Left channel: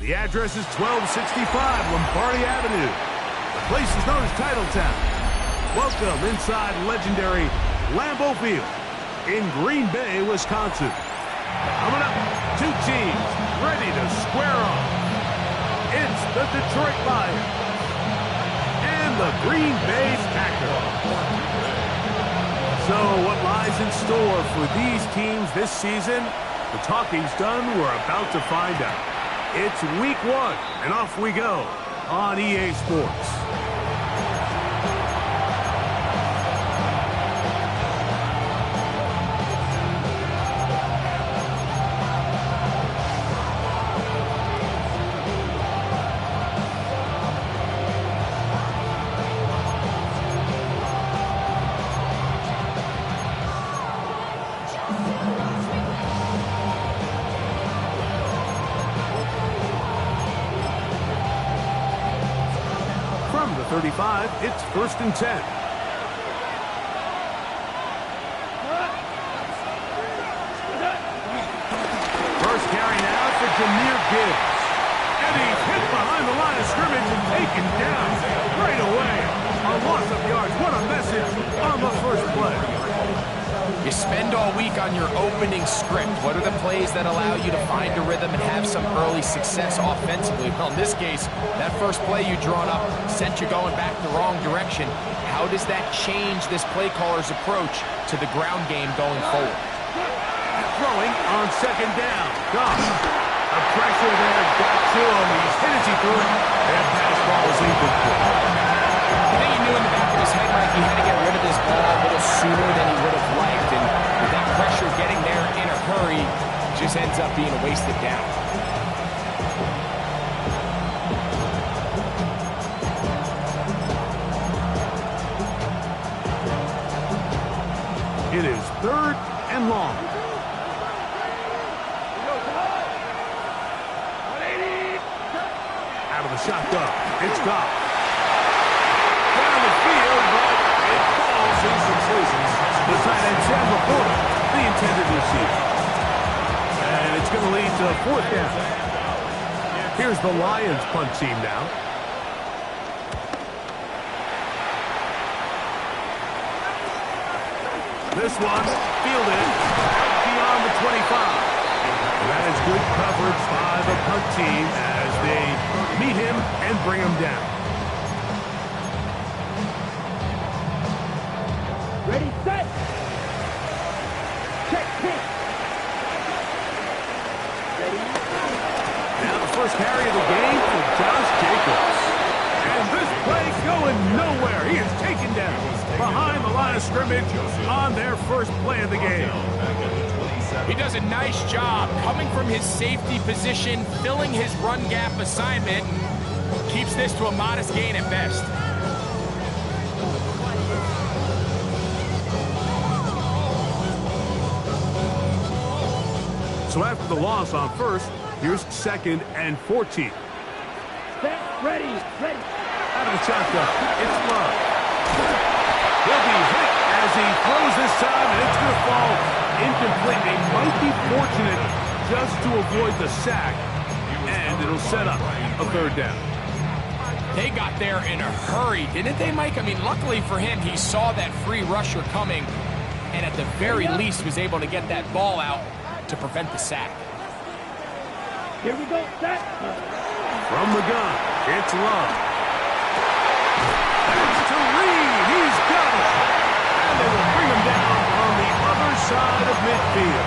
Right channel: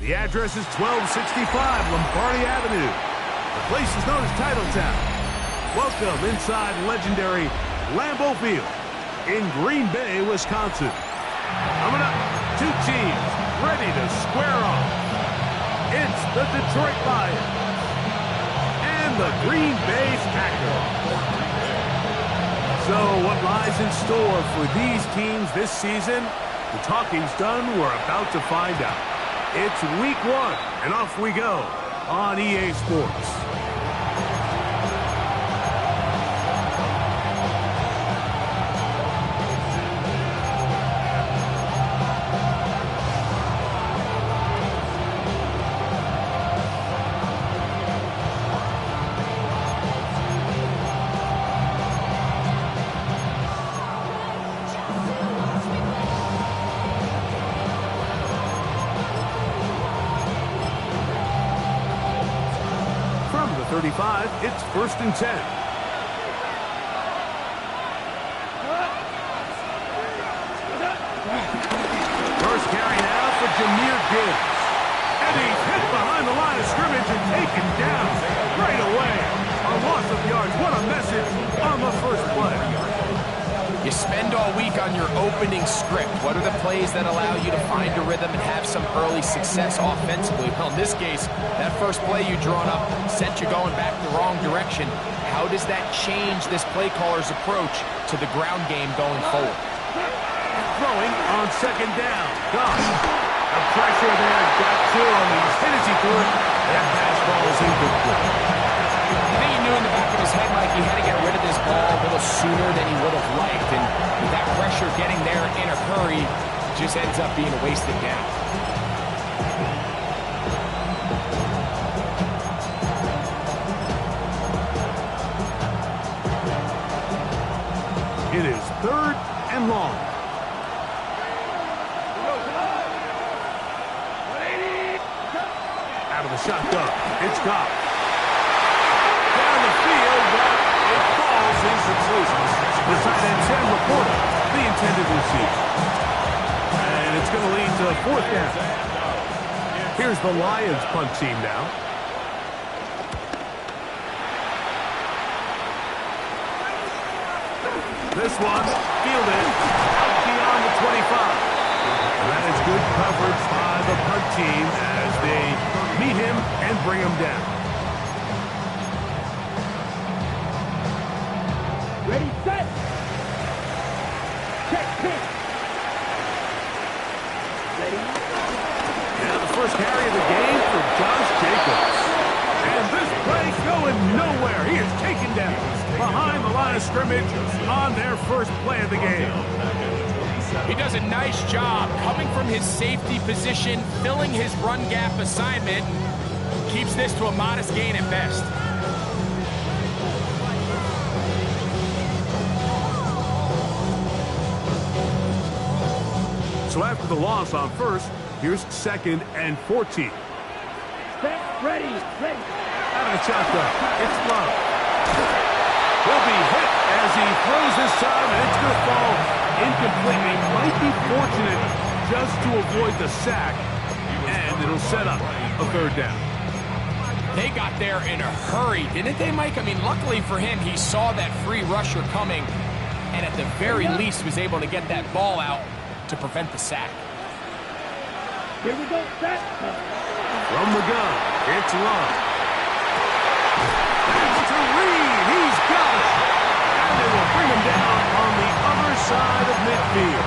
The address is 1265 Lombardi Avenue. The place is known as Titletown. Welcome inside legendary Lambeau Field in Green Bay, Wisconsin. Coming up, two teams ready to square off. It's the Detroit Lions and the Green Bay Packers. So what lies in store for these teams this season? The talking's done. We're about to find out. It's week 1, and off we go on EA Sports. From the 35, it's 1st and 10. First carry now for Jahmyr Gibbs. And he's hit behind the line of scrimmage and taken down right away. A loss of yards. What a message on the first play. You spend all week on your opening script. What are the plays that allow you to find a rhythm and have some early success offensively? Well, in this case, that first play you drawn up sent you going back the wrong direction. How does that change this play caller's approach to the ground game going forward? Throwing on 2nd down. Goff. The pressure there got to him. He's hit as he threw it. That pass ball is incomplete. I think he knew in the back of his head, Mike, he had to get rid of this ball a little sooner than he would have liked. And with that pressure getting there in a hurry, it just ends up being a wasted down. It is 3rd and long. Out of the shotgun. It's Goff. Down the field, but it falls incomplete. The tight end, Sam Laporta, the intended receiver. And it's going to lead to 4th down. Here's the Lions punt team now. This one fielded out beyond the 25. And that is good coverage by the punt team as they meet him and bring him down. Ready, set. Check, pitch. Ready. Now the first carry of the game for Josh Jacobs. And this play going nowhere. He is taken down behind the line of scrimmage on their first play of the game. He does a nice job coming from his safety position, filling his run gap assignment, and keeps this to a modest gain at best. So after the loss on 1st, here's 2nd and 14. Set, ready, ready. Out of the shotgun, it's Love. He'll be hit as he throws this time, and it's going to fall incomplete. They might be fortunate just to avoid the sack, and it'll set up a 3rd down. They got there in a hurry, didn't they, Mike? I mean, luckily for him, he saw that free rusher coming, and at the very least was able to get that ball out to prevent the sack. Here we go, set. From the gun, it's Love. That's to Reed. He's got it. And they will bring him down on the other side of midfield.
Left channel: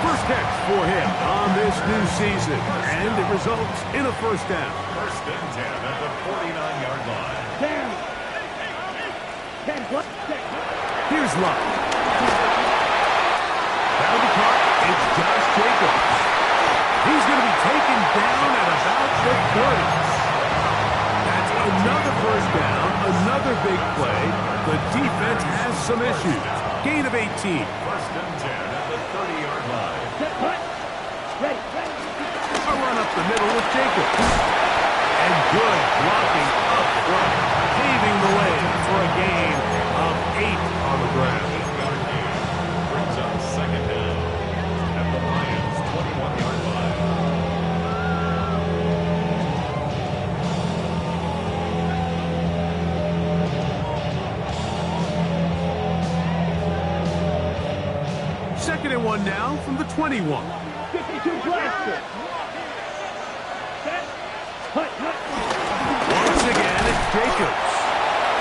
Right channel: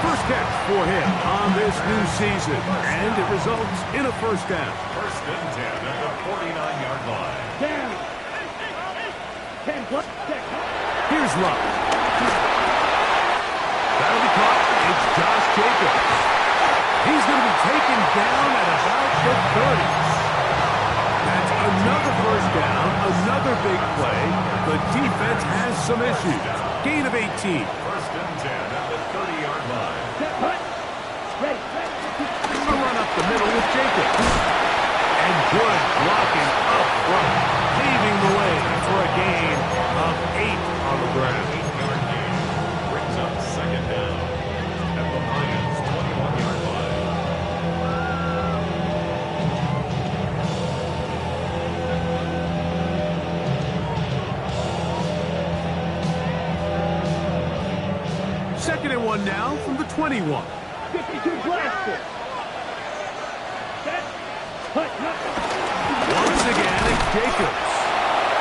First catch for him on this new season. And it results in a 1st down. 1st and 10 at the 49-yard line. Down. 10 plus 6. Here's Love. That'll be caught. It's Josh Jacobs. He's going to be taken down at about the 30s. That's another 1st down, another big play. The defense has some issues. Gain of 18. 1st and 10 at the 30-yard line. Set, put. Ready, ready. A run up the middle with Jacobs. And good blocking up front, paving the way for a gain of 8 on the ground. 8-yard gain brings up 2nd down at the Lions' 21-yard line. Second and 1 now from the 21. 52 blaster. Set. Hut, hut. Once again, it's Jacobs.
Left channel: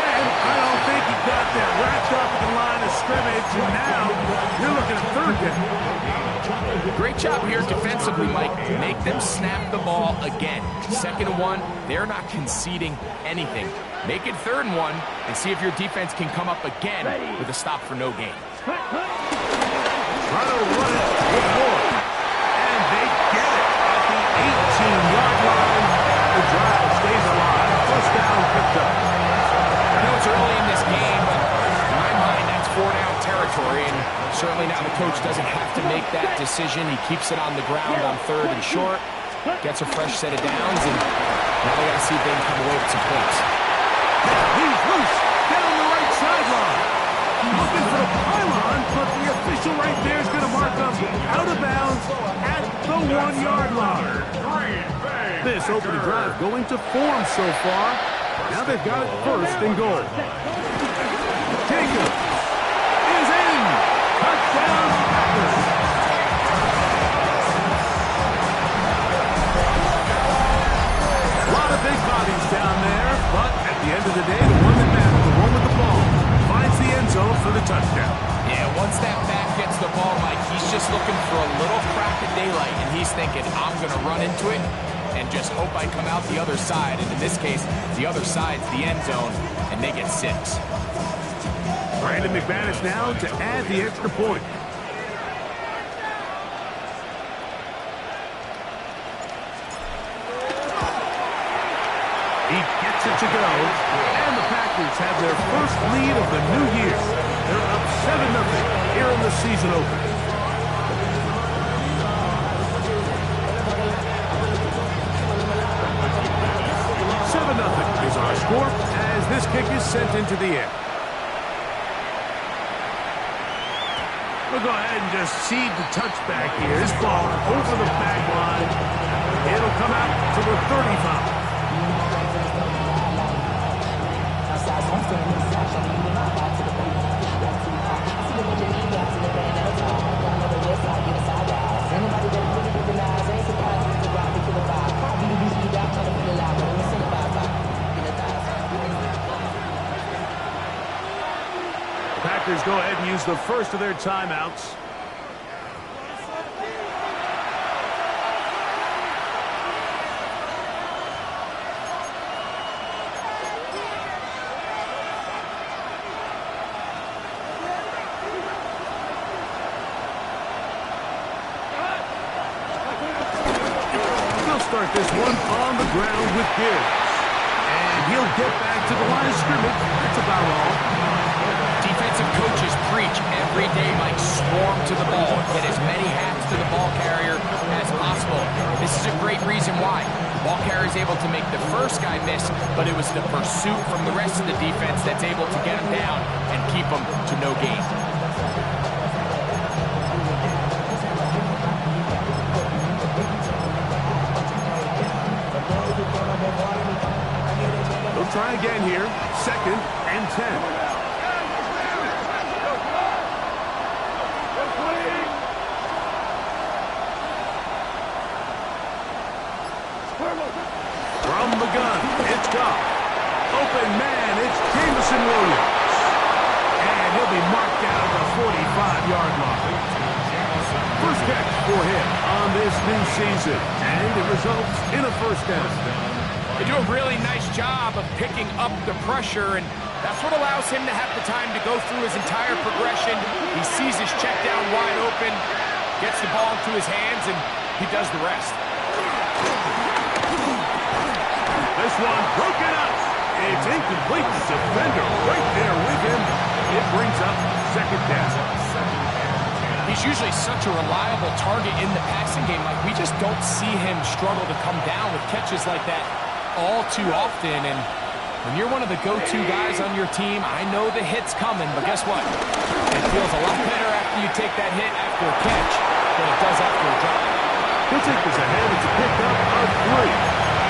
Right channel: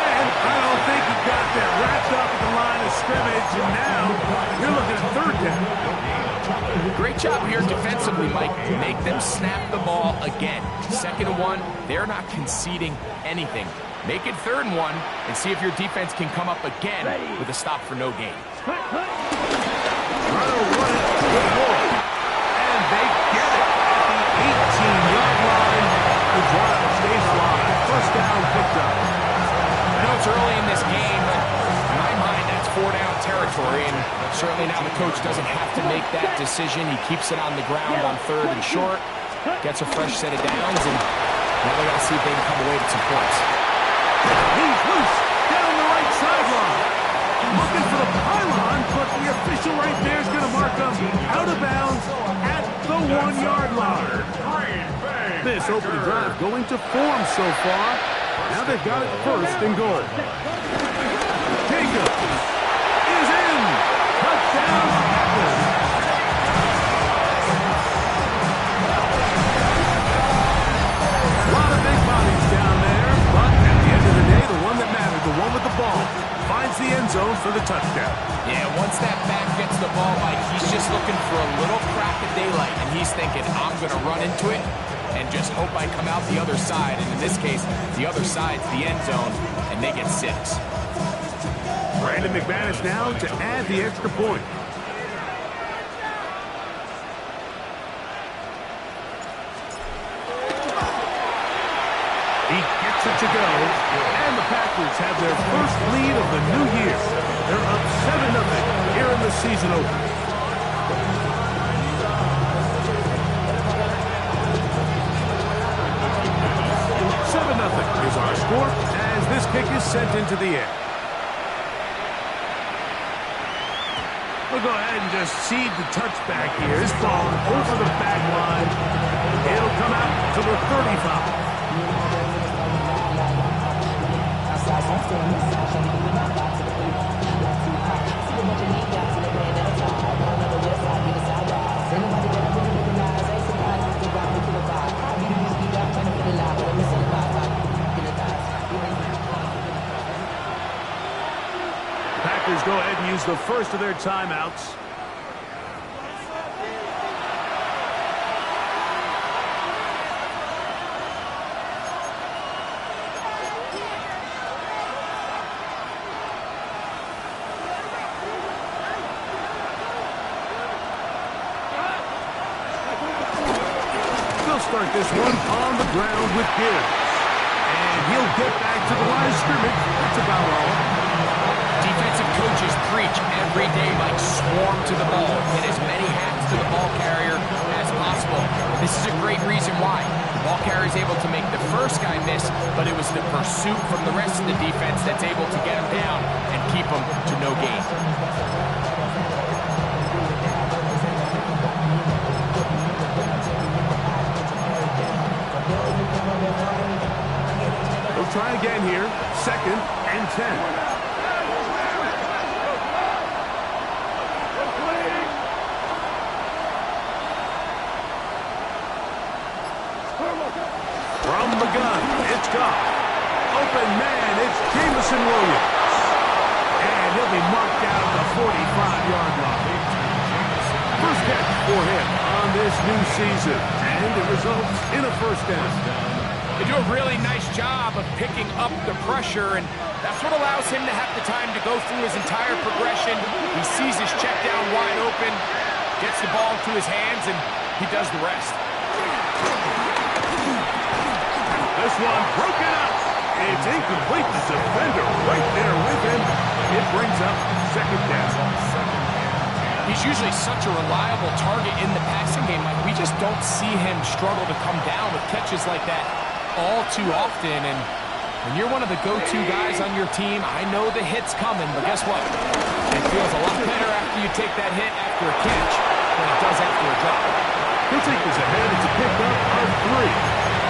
And I don't think he got there. Wrapped up at the line of scrimmage, and now you're looking at third down. Great job here defensively, Mike. Make them snap the ball again. Second and 1, they're not conceding anything. Make it third and 1 and see if your defense can come up again with a stop for no gain. Hut, hut. Try to run it with Ward. And they get it at the 18-yard line. The drive stays alive. First down picked up. I know it's early in this game, but in my mind, that's 4-down territory, and certainly now the coach doesn't have to make that decision. He keeps it on the ground on third and short, gets a fresh set of downs, and now they got to see if they can come away with some points. He's loose down the right sideline. Looking for the pylon, but the official right there is going to mark him out of bounds at the 1-yard line. This opening drive going to form so far. Now they've got it first and goal. Jacobs is in. Touchdown, Packers. A lot of big bodies down there, but at the end of the day, the one that matters, the one with the ball, finds the end zone for the touchdown. Yeah, once that back gets the ball, Mike, he's just looking for a little crack of daylight, and he's thinking, I'm going to run into it and just hope I come out the other side. And in this case, the other side's the end zone, and they get 6. Brandon McManus now to add the extra point. He gets it to go, and the Packers have their first lead of the new year. They're up 7-0 here in the season opener. Is our score as this kick is sent into the air. We'll go ahead and just seed the touchback here. This ball over the back line. It'll come out to the 35. The Packers go ahead and use the first of their timeouts. They'll start this one on the ground with Gibbs. And he'll get back to the line of scrimmage. That's about all. Defensive coaches preach every day, Mike, swarm to the ball. Get as many hats to the ball carrier as possible. And this is a great reason why. The ball carrier is able to make the first guy miss, but it was the pursuit from the rest of the defense that's able to get him down and keep him to no gain. They'll try again here. 2nd and 10. From the gun, it's Goff. Open man, it's Jameson Williams. And he'll be marked down at the 45-yard line. First catch for him on this new season. And it results in a first down. They do a really nice job of picking up the pressure, and that's what allows him to have the time to go through his entire progression. He sees his check down wide open, gets the ball into his hands, and he does the rest. This one broken up. It's incomplete. The defender right there with him. It brings up 2nd down. He's usually such a reliable target in the passing game. Like, we just don't see him struggle to come down with catches like that all too often. And when you're one of the go-to guys on your team, I know the hit's coming, but guess what? It feels a lot better after you take that hit after a catch than it does after a drop. He'll take this ahead. It's a pickup of 3.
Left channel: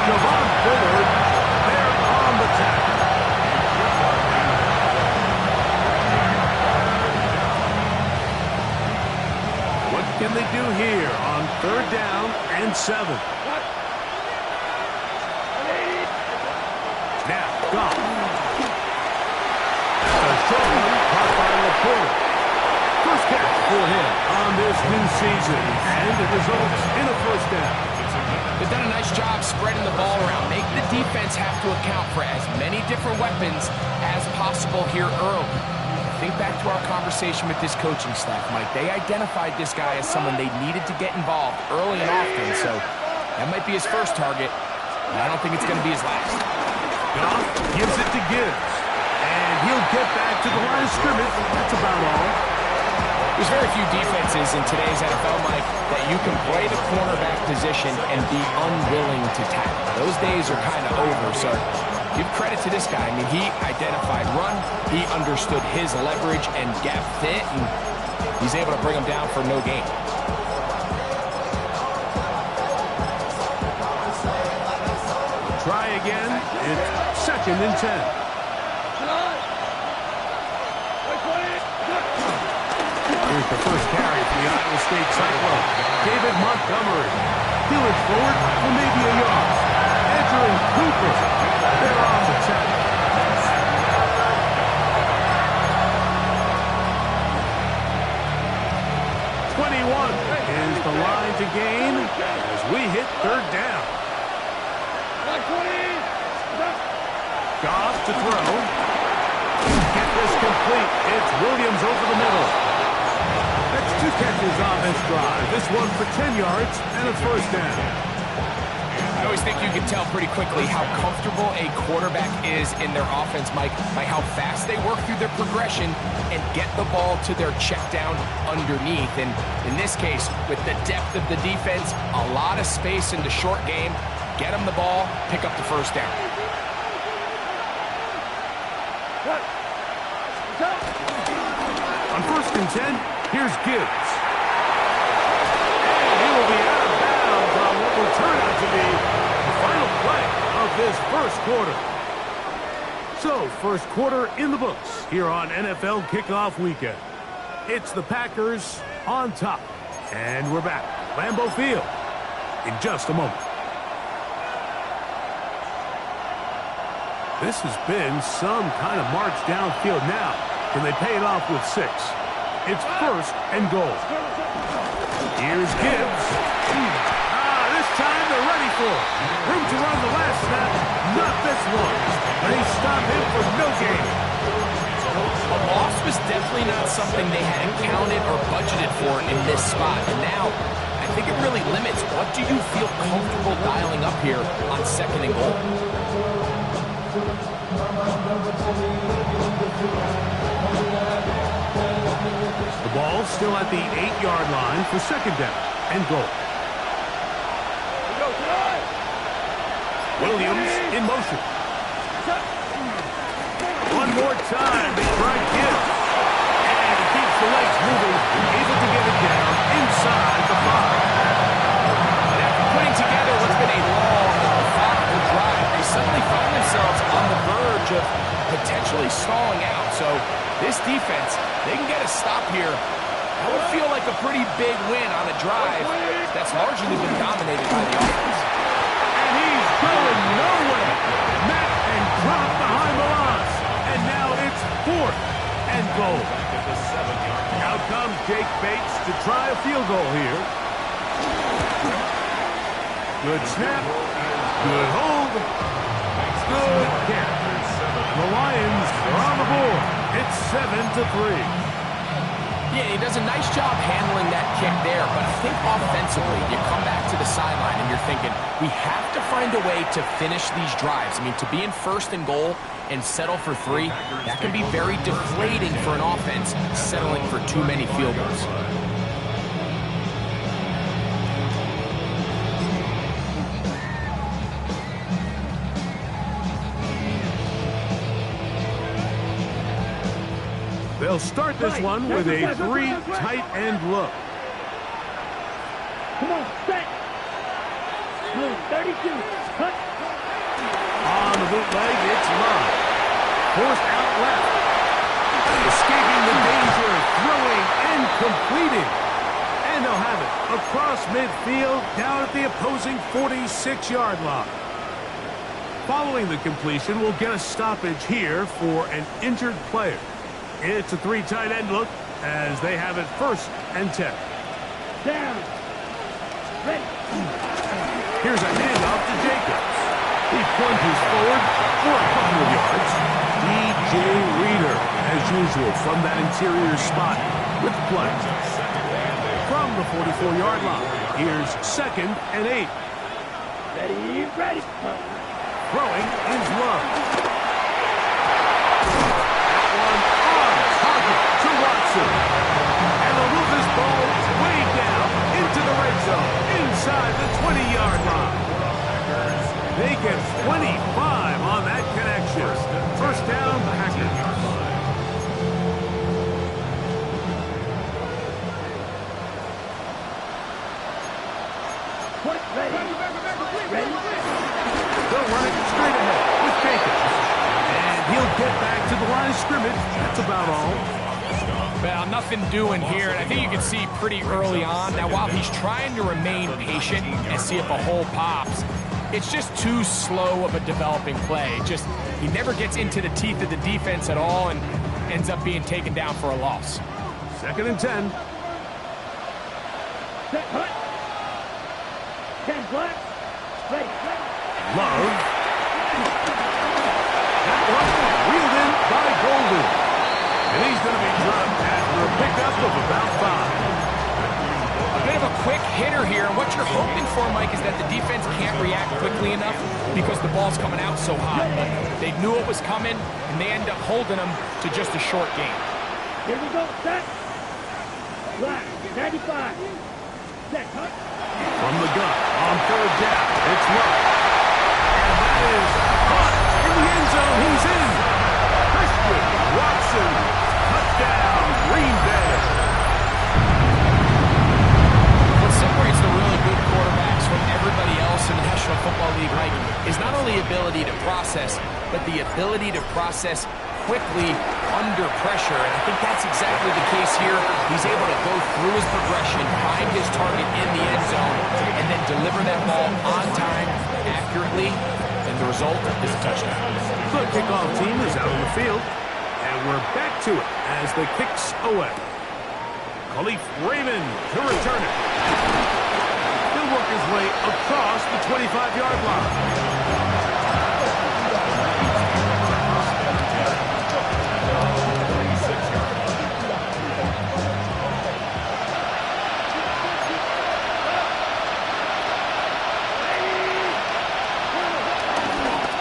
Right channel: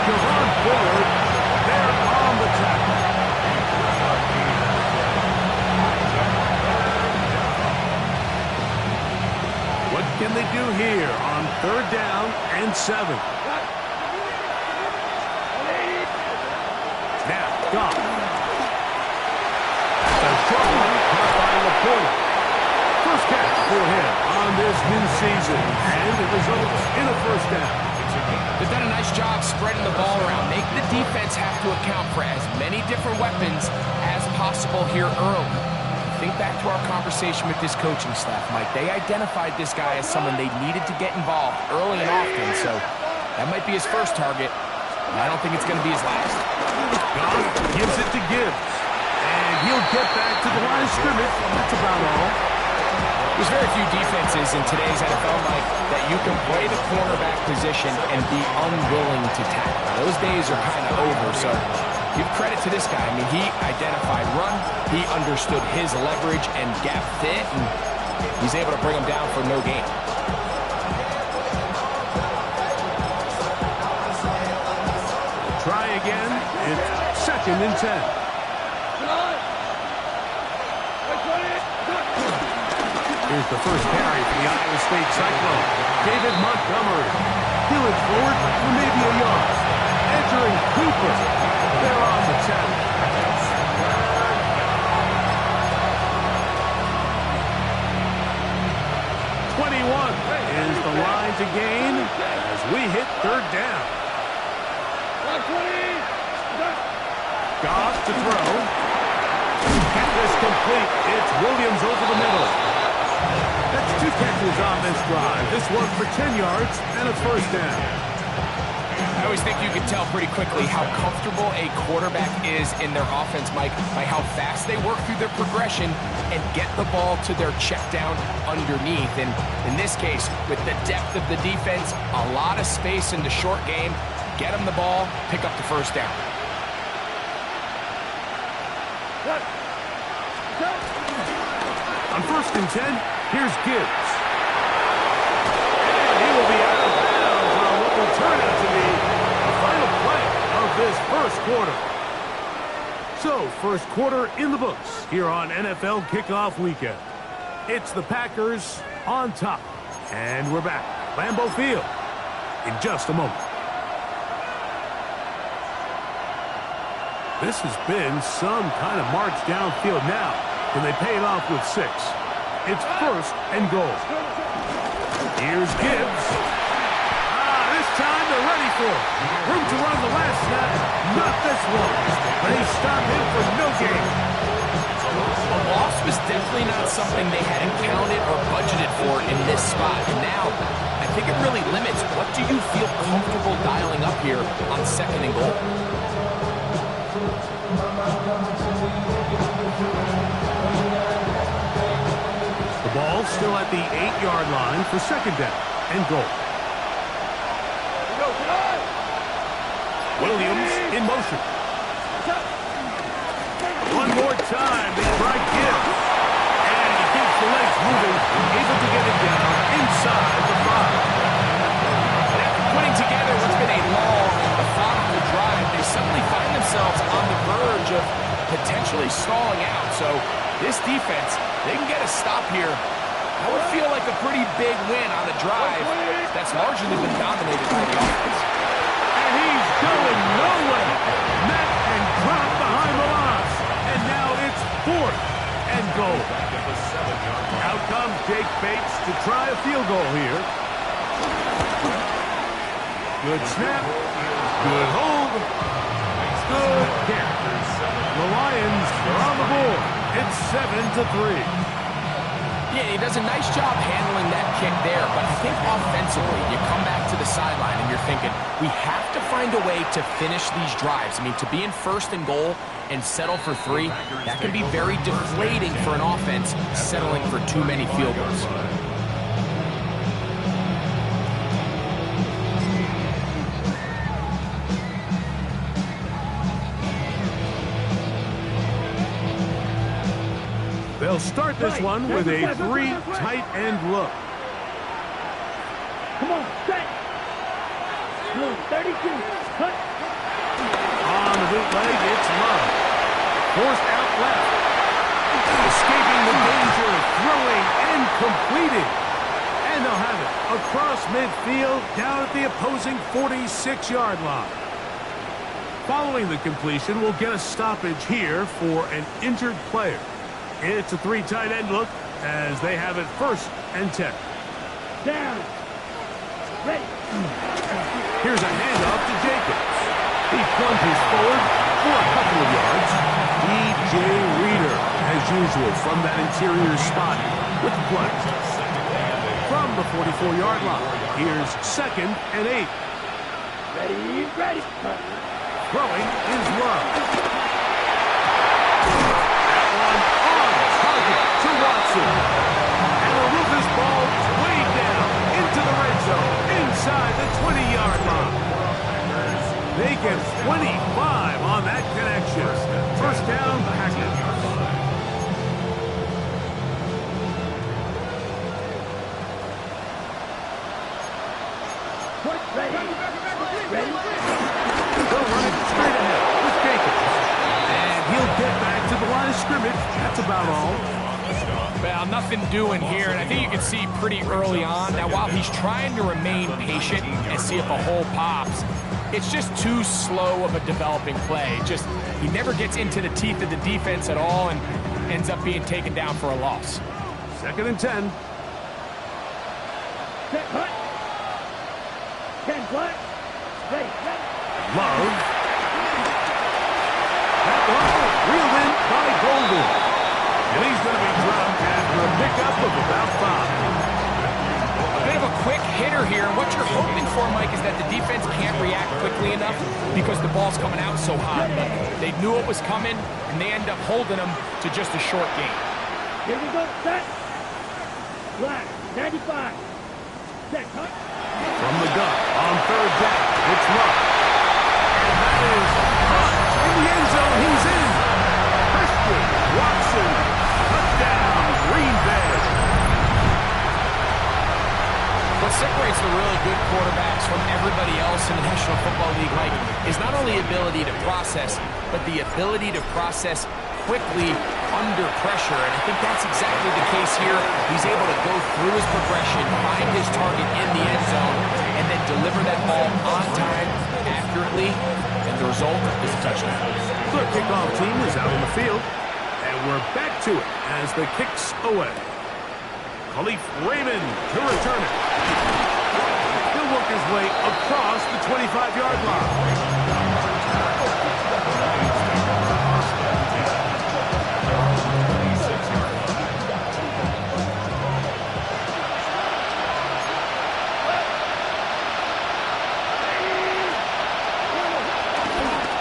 Javon Bullard there on the tackle. can they do here on 3rd down and 7? Now, Goff. That's a short one caught by Laporta. First catch for him on this new season, and it results in a 1st down. They've done a nice job spreading the ball around. Make the defense have to account for as many different weapons as possible here early. Think back to our conversation with this coaching staff, Mike. They identified this guy as someone they needed to get involved early and often, so that might be his first target, and I don't think it's going to be his last. Goff gives it to Gibbs, and he'll get back to the line of scrimmage. That's about all. There's very few defenses in today's NFL, Mike, that you can play the cornerback position and be unwilling to tackle. Those days are kind of over, so give credit to this guy. I mean, he identified run, he understood his leverage and gap fit, and he's able to bring him down for no gain. Try again. It's 2nd and 10. Here's the first carry for the Iowa State Cyclone. David Montgomery. He'll it forward for maybe a yard. Entering Cooper. They're on the 10. Is the line to gain as we hit 3rd down. Goff to throw. Get this complete. It's Williams over the middle. That's 2 catches on this drive. This one for 10 yards and a 1st down. I always think you can tell pretty quickly how comfortable a quarterback is in their offense, Mike, by how fast they work through their progression and get the ball to their check down underneath. And in this case, with the depth of the defense, a lot of space in the short game, get them the ball, pick up the 1st down. On 1st and 10, here's Gibbs. And he will be out of bounds on what will turn out to be the final play of this 1st quarter. So, 1st quarter in the books here on NFL Kickoff Weekend. It's the Packers on top. And we're back. Lambeau Field in just a moment. This has been some kind of march downfield now. Can they pay it off with 6? It's 1st and goal. Here's Gibbs. This time they're ready for it. Room to run the last snap. Not this one. They stop him for no gain. A loss was definitely not something they hadn't counted or budgeted for in this spot. And now, I think it really limits what do you feel comfortable dialing up here on 2nd and goal. The ball still at the 8-yard line for 2nd down and goal. Williams in motion. One more time, they try Gibbs. And he keeps the legs moving, able to get it down inside the 5. And after putting together what's been a long and methodical drive, they suddenly find themselves on the verge of potentially stalling out. So this defense, they can get a stop here. That would feel like a pretty big win on a drive that's largely been dominated by the offense. And he's going nowhere. Met and dropped behind the line. And now it's 4th and goal. Out comes Jake Bates to try a field goal here. Good snap. Good hold. Good catch. The Lions are on the board. It's 7-3. Yeah, he does a nice job handling that kick there, but I think offensively, you come back to the sideline and you're thinking, we have to find a way to finish these drives. I mean, to be in 1st and goal and settle for 3, that can be very deflating for an offense settling for too many field goals. They'll start this one with a 3 tight end look. Come on, set. 32. Cut. On the bootleg, it's Love. Forced out left. Escaping the danger, throwing and completing. And they'll have it across midfield down at the opposing 46-yard line. Following the completion, we'll get a stoppage here for an injured player. It's a 3 tight end look as they have it 1st and 10. Down. Ready. Here's a handoff to Jacobs. He plunges forward for a couple of yards. DJ Reader, as usual, from that interior spot with the play. From the 44-yard line, here's 2nd and 8. Ready, ready. Throwing is Love. That one on target to Watson. And they'll move this ball way down into the red zone, inside the 20-yard line. They get 25 on that connection. 1st down, Packers. Ready. They'll run it straight ahead with Jacobs. And he'll get back to the line of scrimmage. That's about all. Well, nothing doing here, and I think you can see pretty early on. Now, while he's trying to remain patient and see if a hole pops, it's just too slow of a developing play. He never gets into the teeth of the defense at all and ends up being taken down for a loss. 2nd and 10. Set, hut. 10 black. Ready. Love. That one reeled in by Golden. And he's going to be dropped after a pickup of about 5. A bit of a quick hitter here, and what you're hoping for, Mike, is that the defense can't react quickly enough because the ball's coming out so hot. But they knew it was coming, and they end up holding them to just a short gain. Here we go. Set. Black. 95. Set. Hut. From the gun on 3rd down, it's Love. And that is caught in the end zone. He's in. Christian Watson, touchdown, Green Bay. What separates the really good quarterbacks from everybody else in the National Football League, Mike, is not only ability to process, but the ability to process quickly under pressure, and I think that's exactly the case here. He's able to go through his progression, find his target in the end zone, and then deliver that ball on time, accurately, and the result is a touchdown. The kickoff team is out on the field, and we're back to it as the kick's away. Khalif Raymond to return it. He'll work his way across the 25-yard line.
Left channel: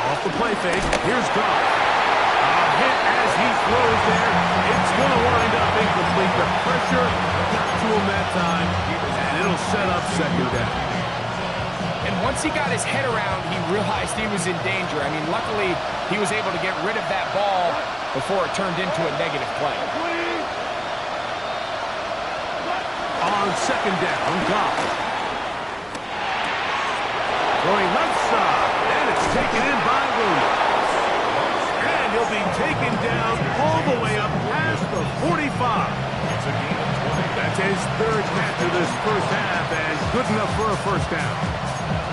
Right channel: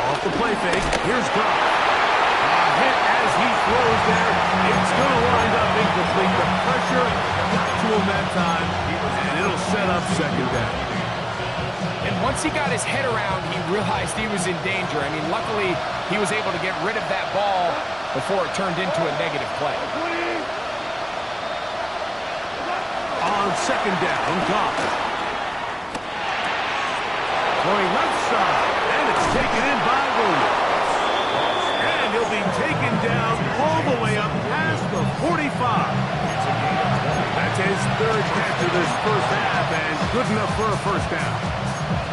Off the play fake, here's Goff. A hit as he throws there. It's going to wind up incomplete. The pressure got to him that time, and it'll set up 2nd down. And once he got his head around, he realized he was in danger. I mean, luckily, he was able to get rid of that ball before it turned into a negative play. On 2nd down, Goff. Throwing left side, and it's taken in by Williams. And he'll be taken down all the way up past the 45. That's his 3rd catch of this 1st half, and good enough for a 1st down.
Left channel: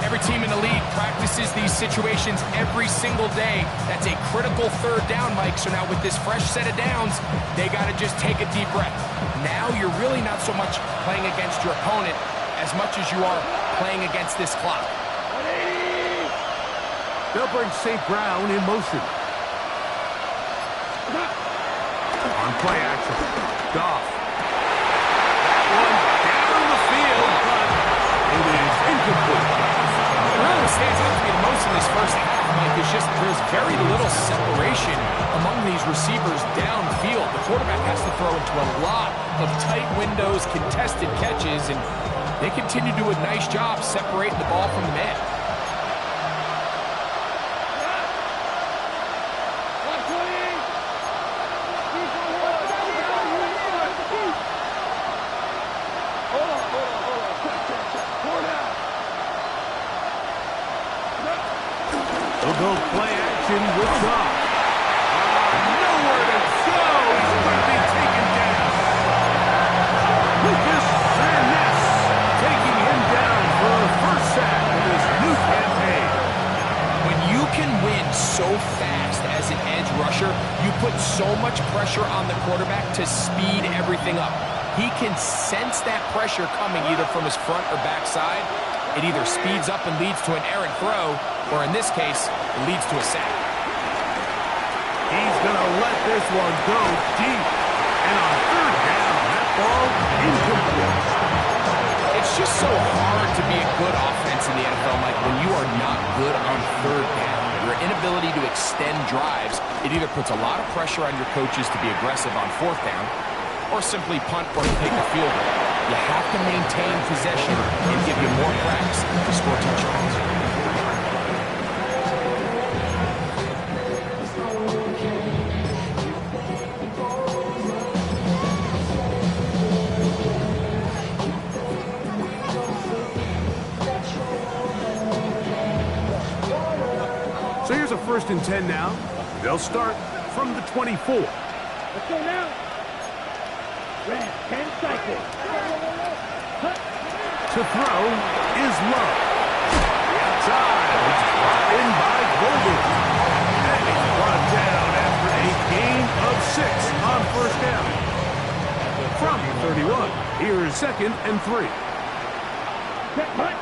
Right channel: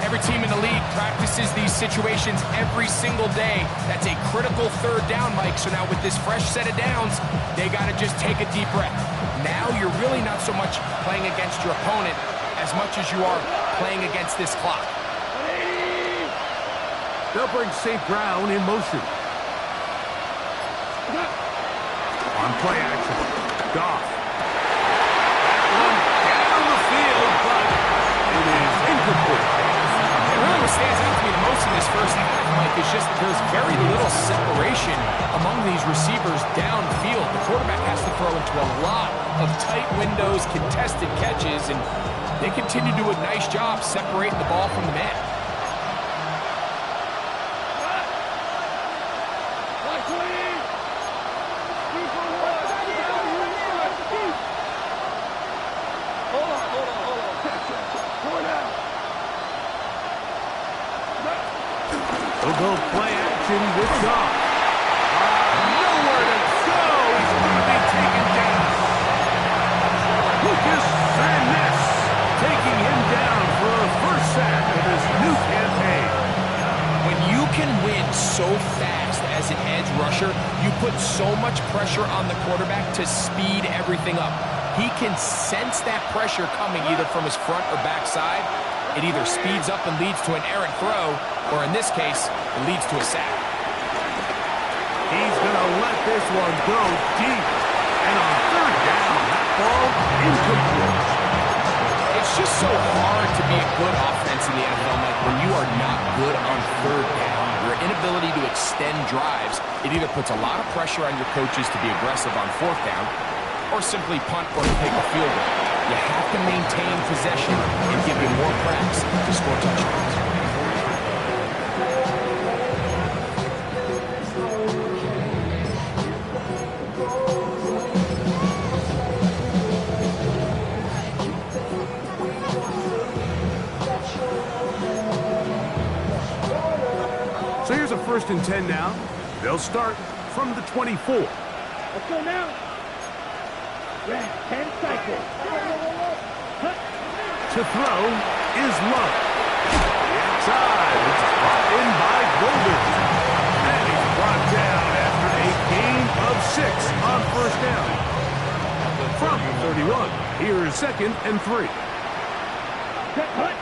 Every team in the league practices these situations every single day. That's a critical 3rd down, Mike. So now with this fresh set of downs, they got to just take a deep breath. Now you're really not so much playing against your opponent as much as you are playing against this clock. They'll bring St. Brown in motion. On play action, Goff. That one down the field, but it is incomplete. Really what stands out to me the most in this 1st half, Mike, is just there's very little separation among these receivers downfield. The quarterback has to throw into a lot of tight windows, contested catches, and they continue to do a nice job separating the ball from the man. They'll go play action with Goff. Nowhere to go. He's going to be taken down. Lucas Van Ness first sack of this new campaign. When you can win so fast as an edge rusher, you put so much pressure on the quarterback to speed everything up. He can sense that pressure coming either from his front or back side. It either speeds up and leads to an errant throw, or in this case, it leads to a sack. He's going to let this one go deep. And on third down, that ball incomplete. It's just so hard to be a good offense in the NFL, Mike, when you are not good on third down. Your inability to extend drives, it either puts a lot of pressure on your coaches to be aggressive on fourth down, or simply punt or take a field goal. You have to maintain possession and give you more cracks to score touchdowns. So here's a 1st and 10 now. They'll start from the 24. Let's go now. Red, 10 cycles. Cut. To throw is Love. The outside. It's brought in by Golden. And he's brought down after a gain of 6 on first down. From the 31, here's 2nd and 3. Cut.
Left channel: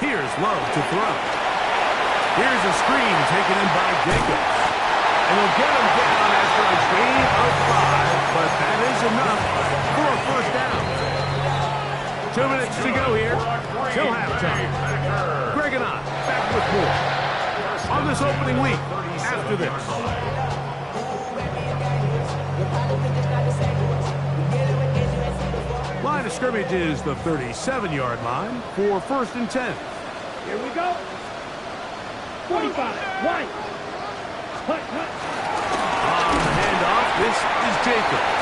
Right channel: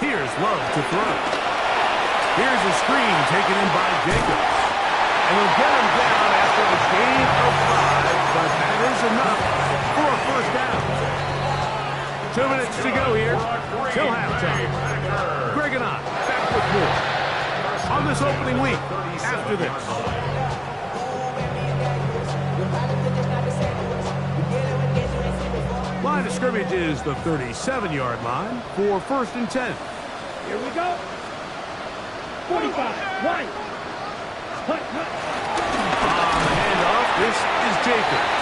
Here's Love to throw. Here's a screen taken in by Jacobs. And they'll get him down after a gain of 5, but that is enough for a first down. 2 minutes to go here till halftime. Greg and I back with more on this opening week after this. Line of scrimmage is the 37-yard line for 1st and 10. Here we go. 45, wide. Cut. On the handoff, this is Jacobs.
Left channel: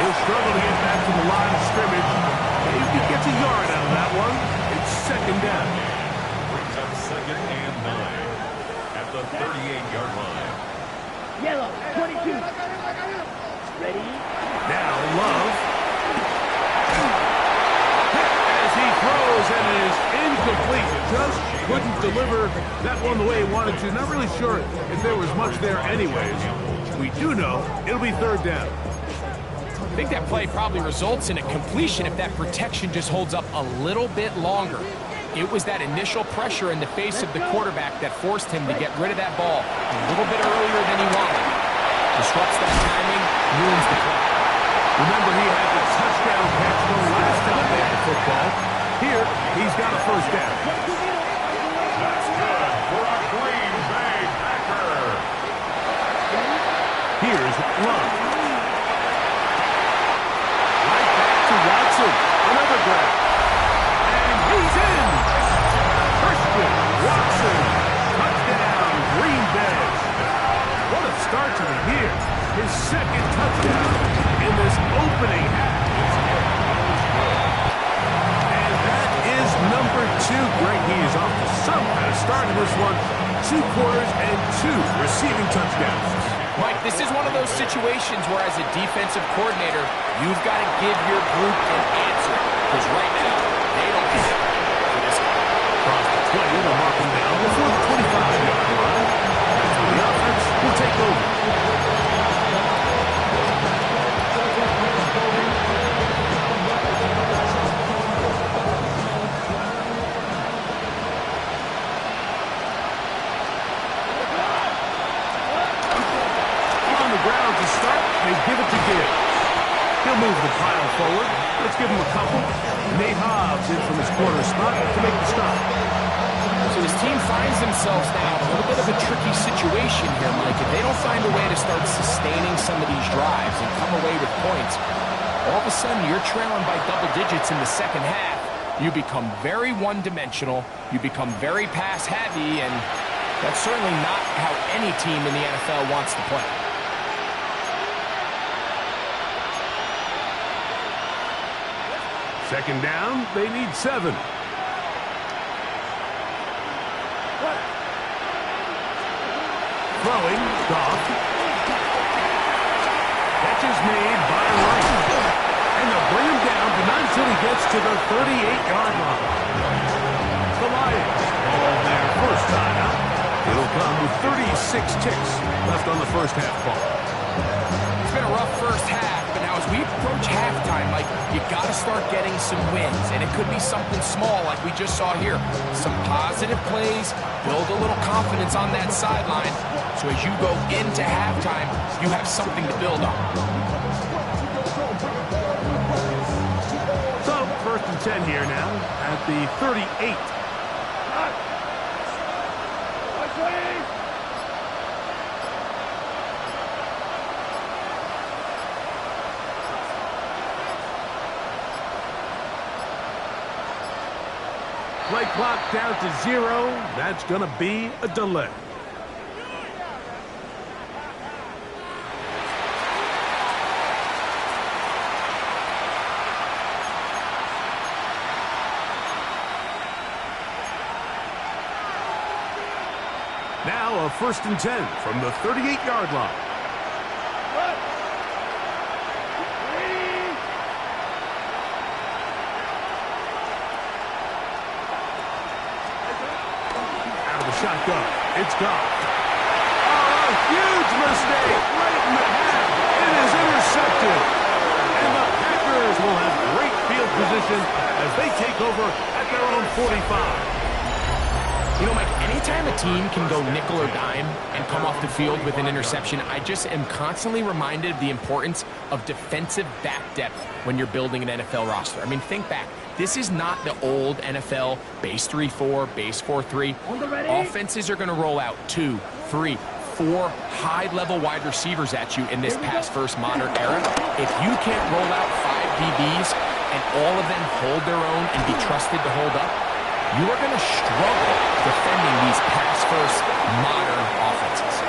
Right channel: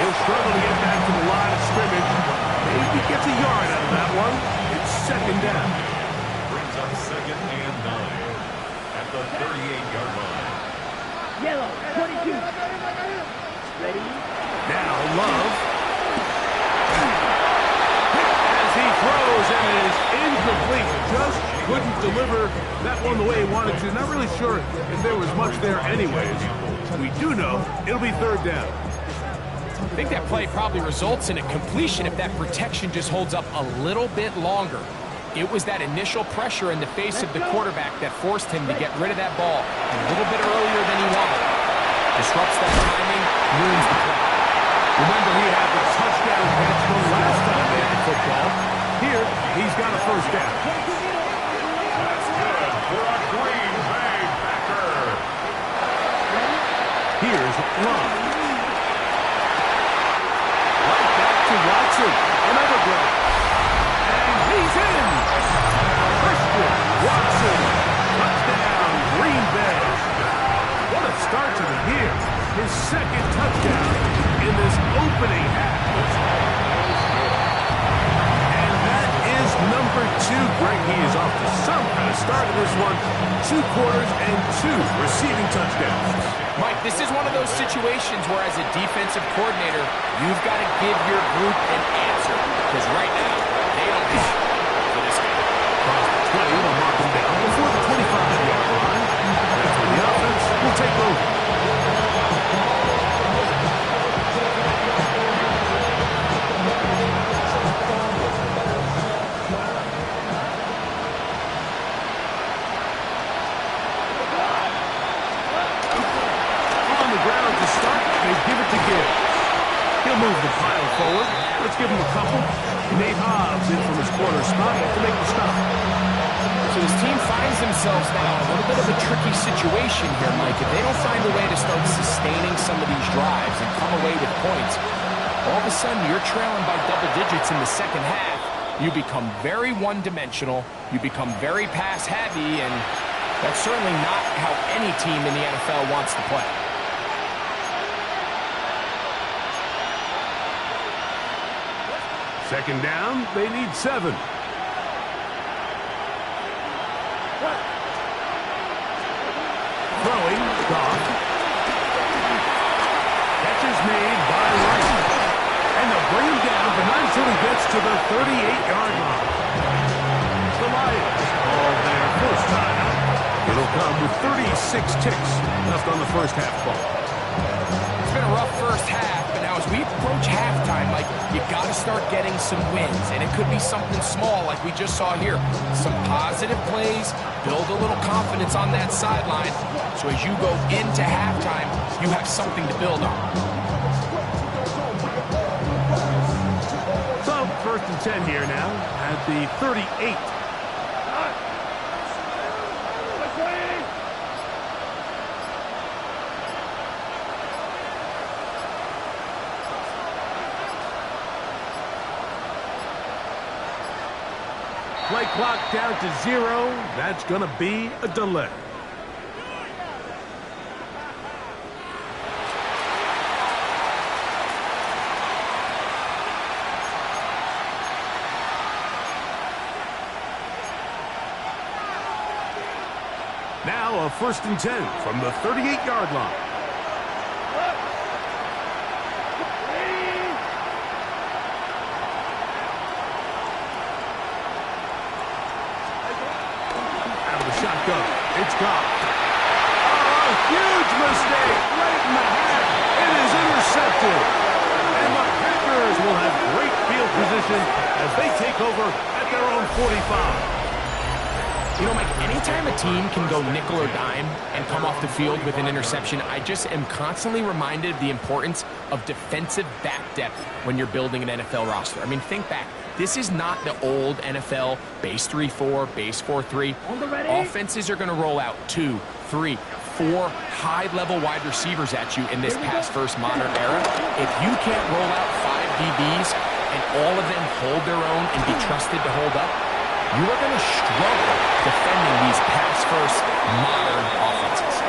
He'll struggle to get back to the line of scrimmage. Maybe gets a yard out of that one. It's 2nd down. Brings up 2nd and 9 at the 38-yard line. Yellow, 22. Ready? Now Love. As he throws, and it is incomplete. Just couldn't deliver that one the way he wanted to. Not really sure if there was much there anyways. We do know it'll be 3rd down. I think that play probably results in a completion if that protection just holds up a little bit longer. It was that initial pressure in the face of the quarterback that forced him to get rid of that ball a little bit earlier than he wanted. Disrupts that timing, ruins the play. Remember, he had the touchdown catch the last time they had the football. Here, he's got a first down. That's good for a Green Bay Packer. Here's Love. Right back to Watson. Another grab. And he's in. Christian Watson. Touchdown, Green Bay. What a start to the year. His 2nd touchdown in this opening half. And that is number 2. Greg, he is off to some kind of start in this one. 2 quarters and 2 receiving touchdowns. Mike, this is one of those situations where as a defensive coordinator, you've got to give your group an answer. Because right now, they don't have it for this game. Across the 20, they'll mark him down before the 25-yard line. That's when the offense will take over. On the ground to start, they give it to Gibbs. He'll move the pile forward. Let's give him a couple. Nate Hobbs in from his corner spot to make the stop. So this team finds themselves now in a little bit of a tricky situation here, Mike. If they don't find a way to start sustaining some of these drives and come away with points, all of a sudden you're trailing by double digits in the second half. You become very one-dimensional. You become very pass-heavy, and that's certainly not how any team in the NFL wants to play. Second down, they need 7. Throwing, Goff. Catch is made by Wright. And they'll bring him down, but not until he gets to the 38-yard line. The Lions ball their first time out. It'll come with 36 ticks left on the first half ball. It's been a rough first half, but now as we approach halftime, Mike, you got to start getting some wins, and it could be something small like we just saw here. Some positive plays, build a little confidence on that sideline, so as you go into halftime, you have something to build on. So, first and 10 here now at the 38. Play clock down to 0. That's going to be a delay. Now a first and 10 from the 38-yard line. Shotgun. It's gone. Oh, a huge mistake late in the half. It is intercepted. And the Packers will have great field position as they take over at their own 45. You know, Mike, anytime a team can go nickel or dime and come off the field with an interception, I just am constantly reminded of the importance of defensive back depth when you're building an NFL roster. I mean, think back. This is not the old NFL base 3-4, base 4-3. Offenses are going to roll out 2, 3, 4 high-level wide receivers at you in this pass-first modern era. If you can't roll out 5 DBs and all of them hold their own and be trusted to hold up, you are going to struggle defending these pass-first modern offenses.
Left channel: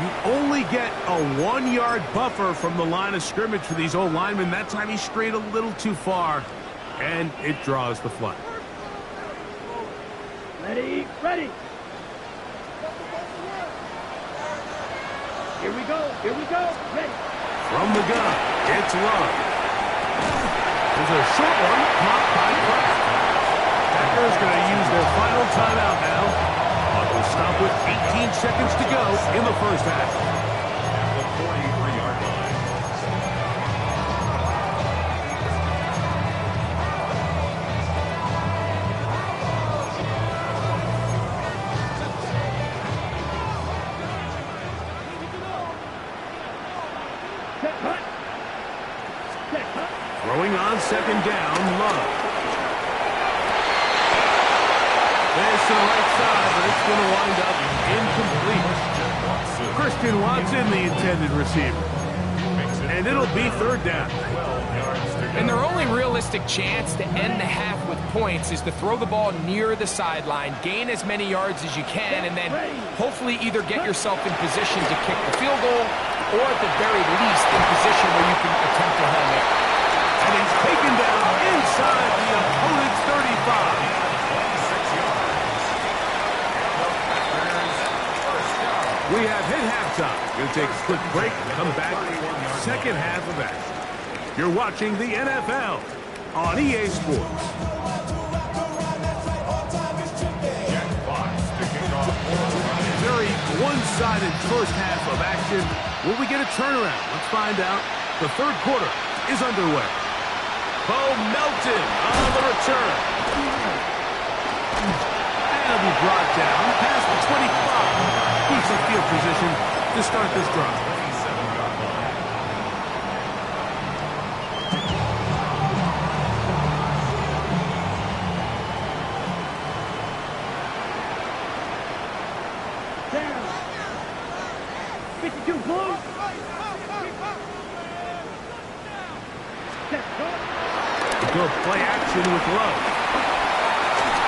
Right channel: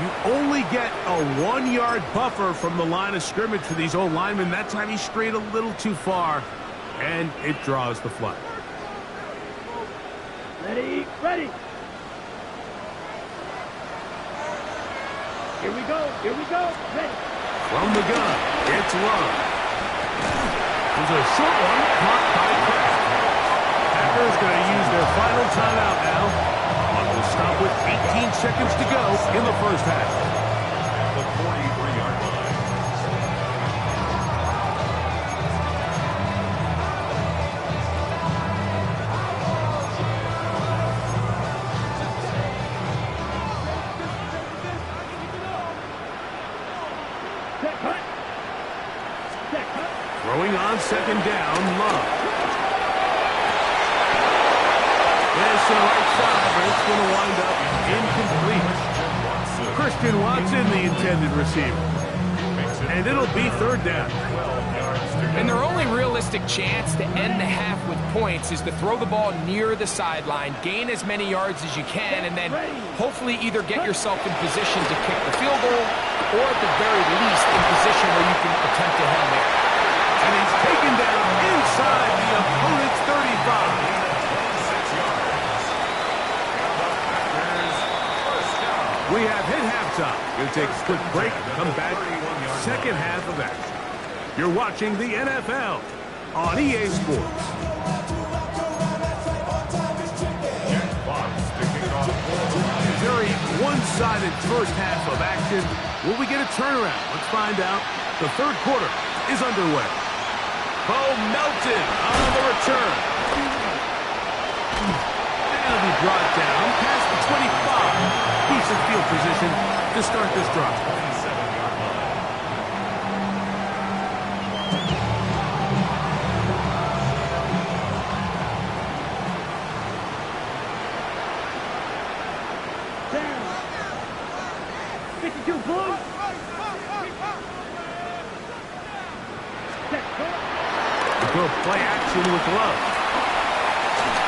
You only get a 1-yard buffer from the line of scrimmage for these old linemen. That time he strayed a little too far, and it draws the flag. Ready, ready. Here we go, ready. From the gun, it's Love. There's a short one caught by Kraft. Packers going to use their final timeout now. We'll stop with 18 seconds to go in the first half. At the 43-yard line. Set cut. Throwing on second down, Love. This to the right side, but it's going to wind up incomplete. Christian Watson, the intended receiver. And it'll be third down. And their only realistic chance to end the half with points is to throw the ball near the sideline, gain as many yards as you can, and then hopefully either get yourself in position to kick the field goal or at the very least in position where you can attempt a Hail Mary. And he's taken down inside the opponent's 35. 26 yards. And the Packers first down. We have hit halftime. Going to take a quick break and come back. Second half of action. You're watching the NFL on EA Sports. Jack Fox to kick off for the Lions. Very one-sided first half of action. Will we get a turnaround? Let's find out. The third quarter is underway. Bo Melton on the return. And he'll be brought down past the 25. Decent field position to start this drive. 27-yard line. Down. 52 Blue. Set cut. Good play action with Love.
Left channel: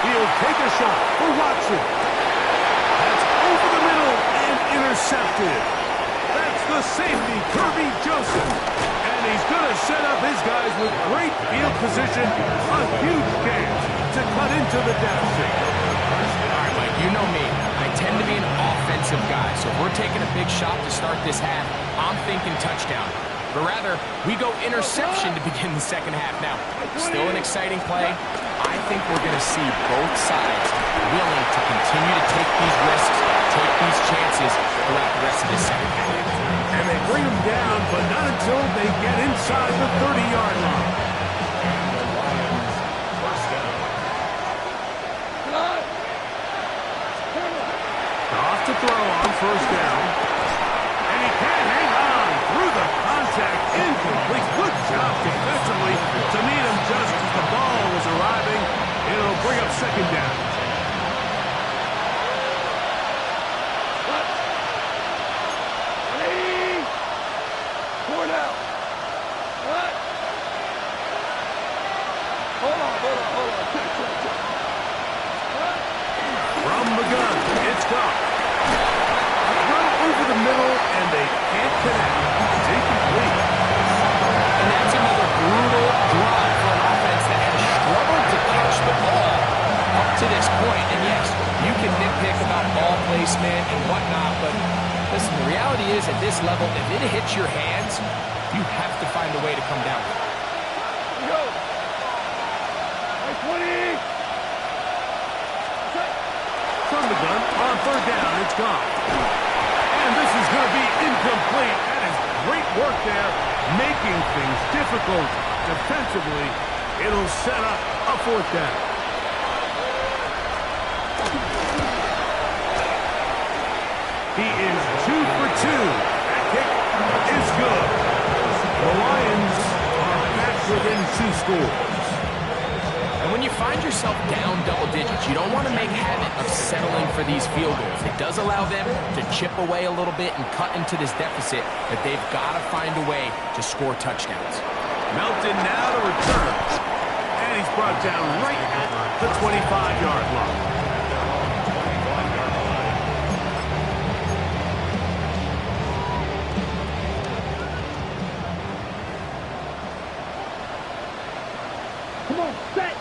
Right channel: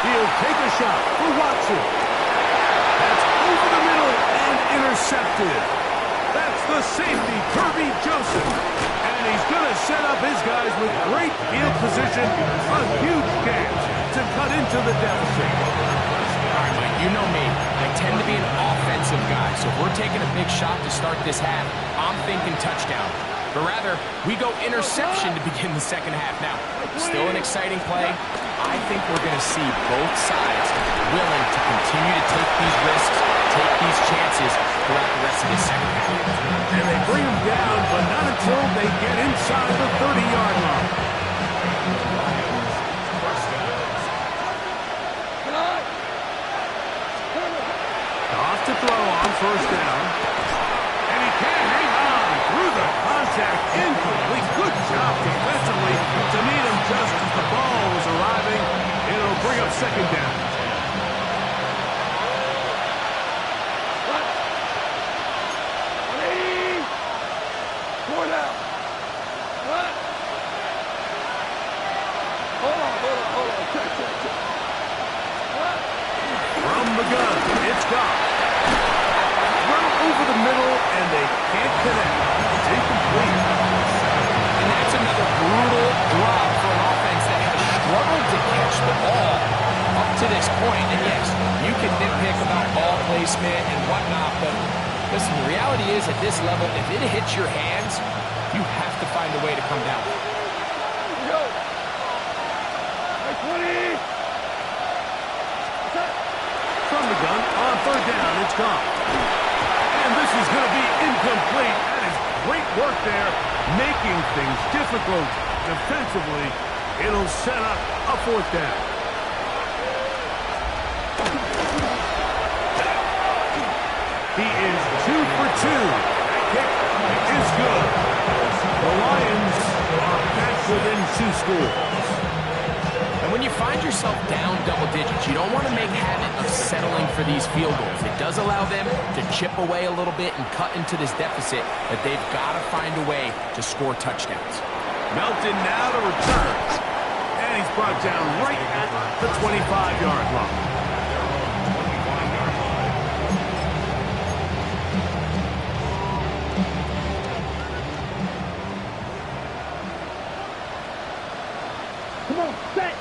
He'll take a shot for Watson. That's over the middle and intercepted. That's the safety, Kirby Joseph. And he's going to set up his guys with great field position. A huge chance to cut into the deficit. All right, Mike, you know me. I tend to be an offensive guy, so if we're taking a big shot to start this half, I'm thinking touchdown. but rather we go interception to begin the second half. Now, still an exciting play. I think we're going to see both sides willing to continue to take these risks, take these chances throughout the rest of this second half. And they bring him down, but not until they get inside the 30-yard line. The Lions, first down. Off to throw on first down. And he can't hang on through the contact. Incomplete. Good job defensively to meet him just as the ball was arriving. It'll bring up second down. From the gun, it's gone. Run over the middle, and they can't connect. It's incomplete. And that's another brutal drop for an offense that has struggled to catch the ball up to this point. And yes, you can nitpick about ball placement and whatnot, but listen, the reality is at this level, if it hits your hands, you have to find a way to come down. Go. 20. From the gun, on third down, it's gone. And this is going to be incomplete. That is great work there, making things difficult defensively. It'll set up a fourth down. He is 2 for 2. That kick is good. The Lions are back within 2 scores. And when you find yourself down double digits, you don't want to make habit of settling for these field goals. It does allow them to chip away a little bit and cut into this deficit, but they've got to find a way to score touchdowns. Melton now to return. And he's brought down right at the 25-yard line. At their own 25-yard line. Come on, set.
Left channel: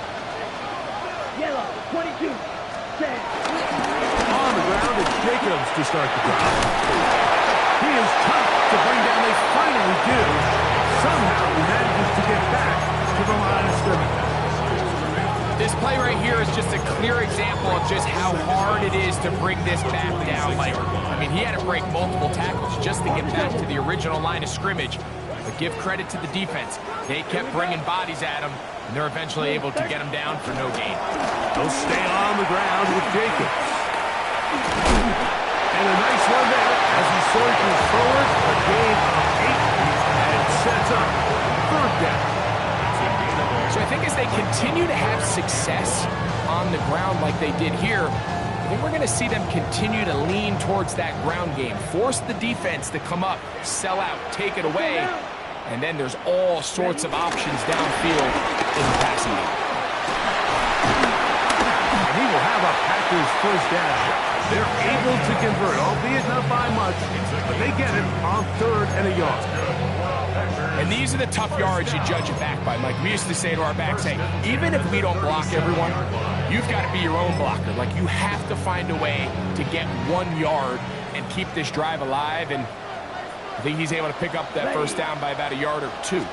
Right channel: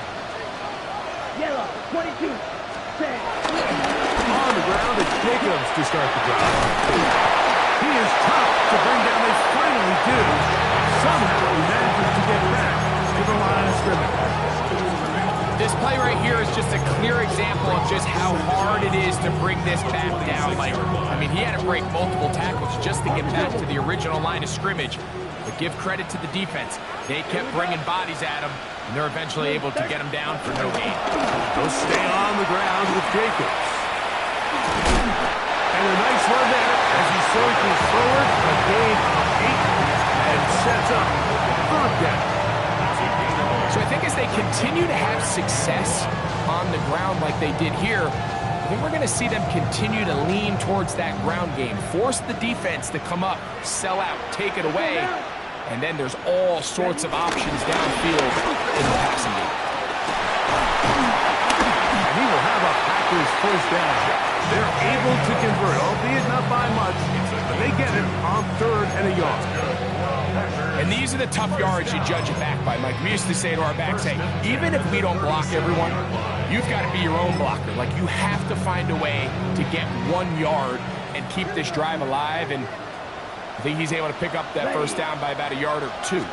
Yellow, 22. Set. On the ground, it's Jacobs to start the drive. He is tough to bring down. They finally do. Somehow he manages to get back to the line of scrimmage. This play right here is just a clear example of just how hard it is to bring this back down. Like, I mean, he had to break multiple tackles just to get back to the original line of scrimmage. But give credit to the defense. They kept bringing bodies at him, and they're eventually able to get him down for no gain. They'll stay on the ground with Jacobs. And a nice run there as he surges forward, a gain of 8, and sets up third down. So I think as they continue to have success on the ground like they did here, I think we're going to see them continue to lean towards that ground game, force the defense to come up, sell out, take it away, and then there's all sorts of options downfield in the passing game. And he will have a Packers first down. They're able to convert, albeit not by much, but they get it on 3rd and a yard. And these are the tough yards you judge it back by, Mike. We used to say to our backs, hey, even if we don't block everyone, you've got to be your own blocker. Like, you have to find a way to get 1 yard and keep this drive alive, and I think he's able to pick up that first down by about 1 or 2. On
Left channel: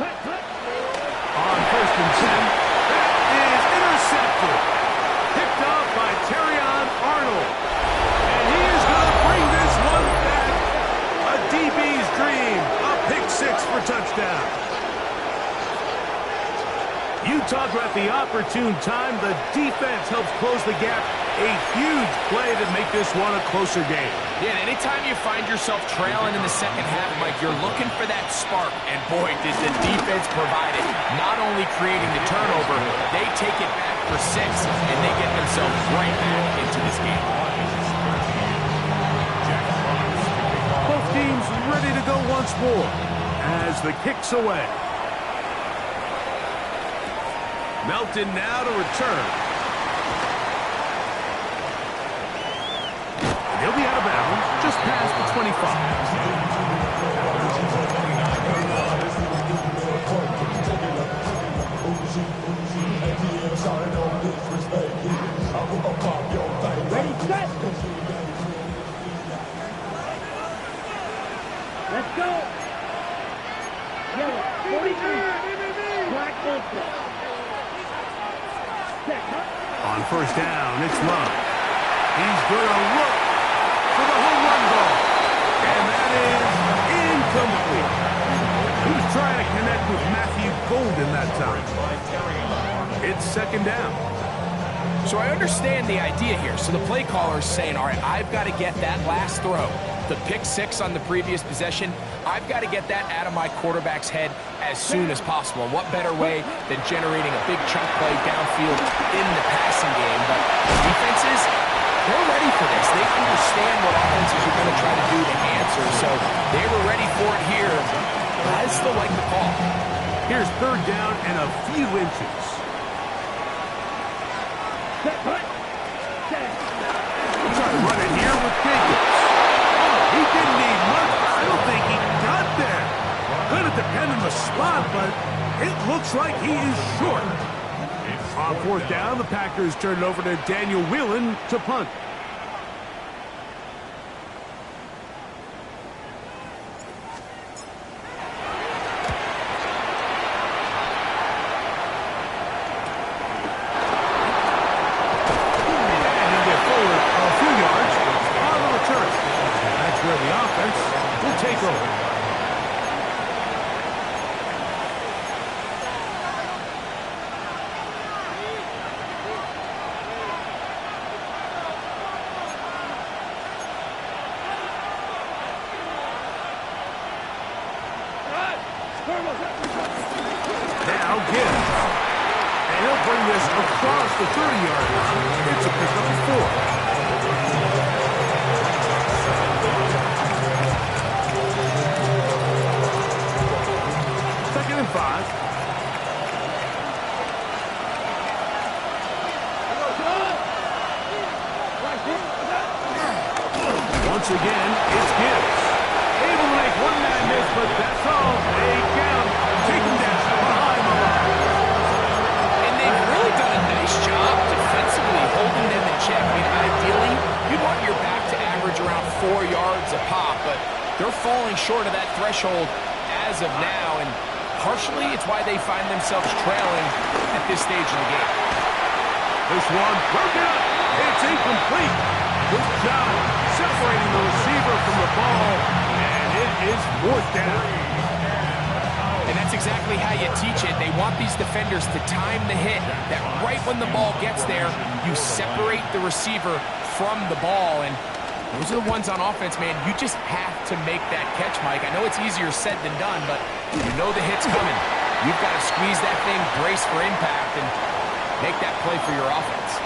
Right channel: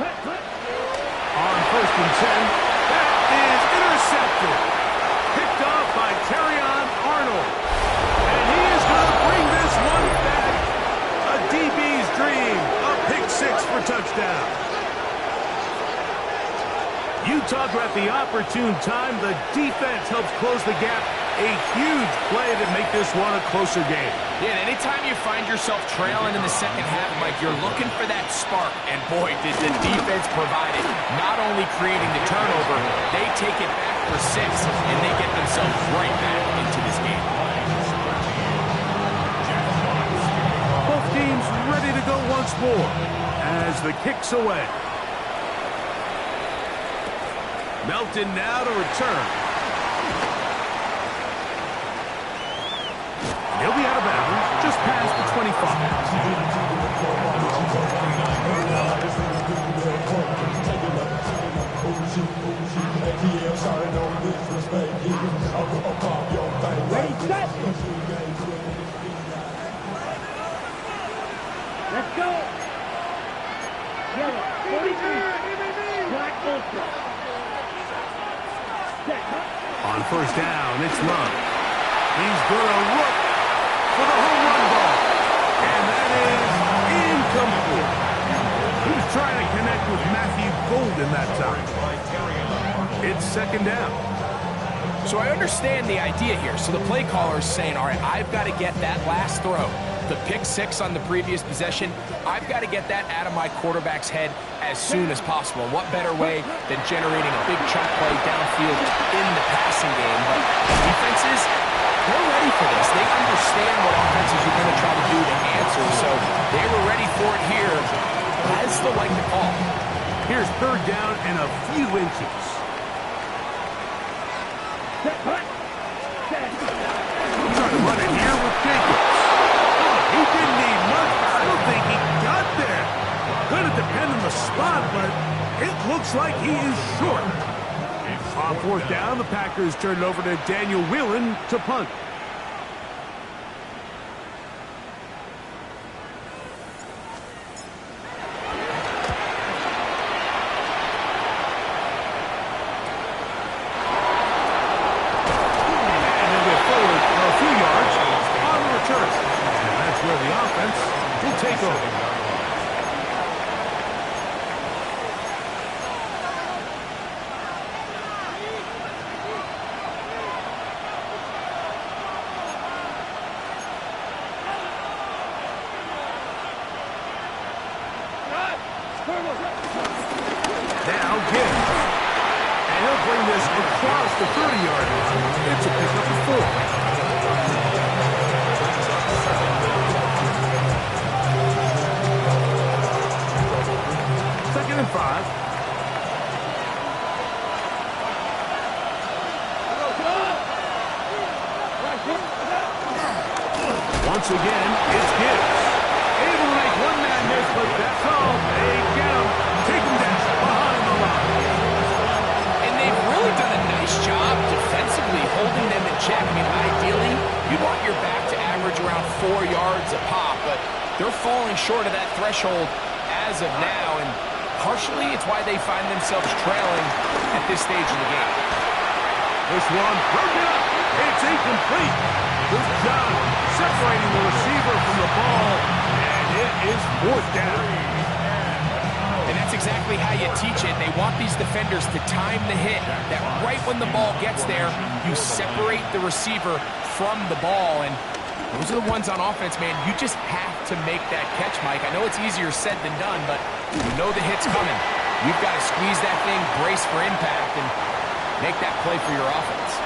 1st and 10, that is intercepted. Picked up by Terrion Arnold. And he is going to bring this one back. A DB's dream. A pick 6 for touchdown. You talk about the opportune time. The defense helps close the gap. A huge play to make this one a closer game. Yeah, and anytime you find yourself trailing in the second half, Mike, you're looking for that spark. And boy, did the defense provide it. Not only creating the turnover, they take it back for 6, and they get themselves right back into this game. Both teams ready to go once more as the kick's away. Melton now to return. And he'll be out of bounds just past the 25. Ready, set. Let's go. 43. Black ultra. Set. On first down, it's Love. He's going to look for the home run ball. And that is incomplete. He was trying to connect with Matthew Golden that time. It's second down. So I understand the idea here. So the play caller is saying, all right, I've got to get that last throw. The pick six on the previous possession, I've got to get that out of my quarterback's head as soon as possible. And what better way than generating a big chunk play downfield in the passing game? But defenses, they're ready for this. They understand what offenses are going to try to do to answer. So they were ready for it here. I still like the call. Here's third down and a few inches. Set. Set. Try to run it here with Jacobs. He didn't need much, but I don't think he got there. Going to depend on the spot, but it looks like he is short. On fourth down, the Packers turn it over to Daniel Whelan to punt. And he'll get forward a few yards on the return. That's where the offense will take over. Now Gibbs. And he'll bring this across the 30-yard line. It's a pickup of 4. Second and 5. Once again, it's Gibbs. Able to make one man miss, but that's all. They get him. Take him down behind the line. And they've really done a nice job defensively holding them in check. I mean, ideally, you'd want your back to average around 4 yards a pop, but they're falling short of that threshold as of now, and partially it's why they find themselves trailing at this stage in the game. This one broken up. It's incomplete. Good job separating the receiver from the ball, and it is fourth down. And that's exactly how you teach it. They want these defenders to time the hit, that right when the ball gets there, you separate the receiver from the ball. And those are the ones on offense, man. You just have to make that catch, Mike. I know it's easier said than done, but you know the hit's coming. You've got to squeeze that thing, brace for impact, and make that play for your offense.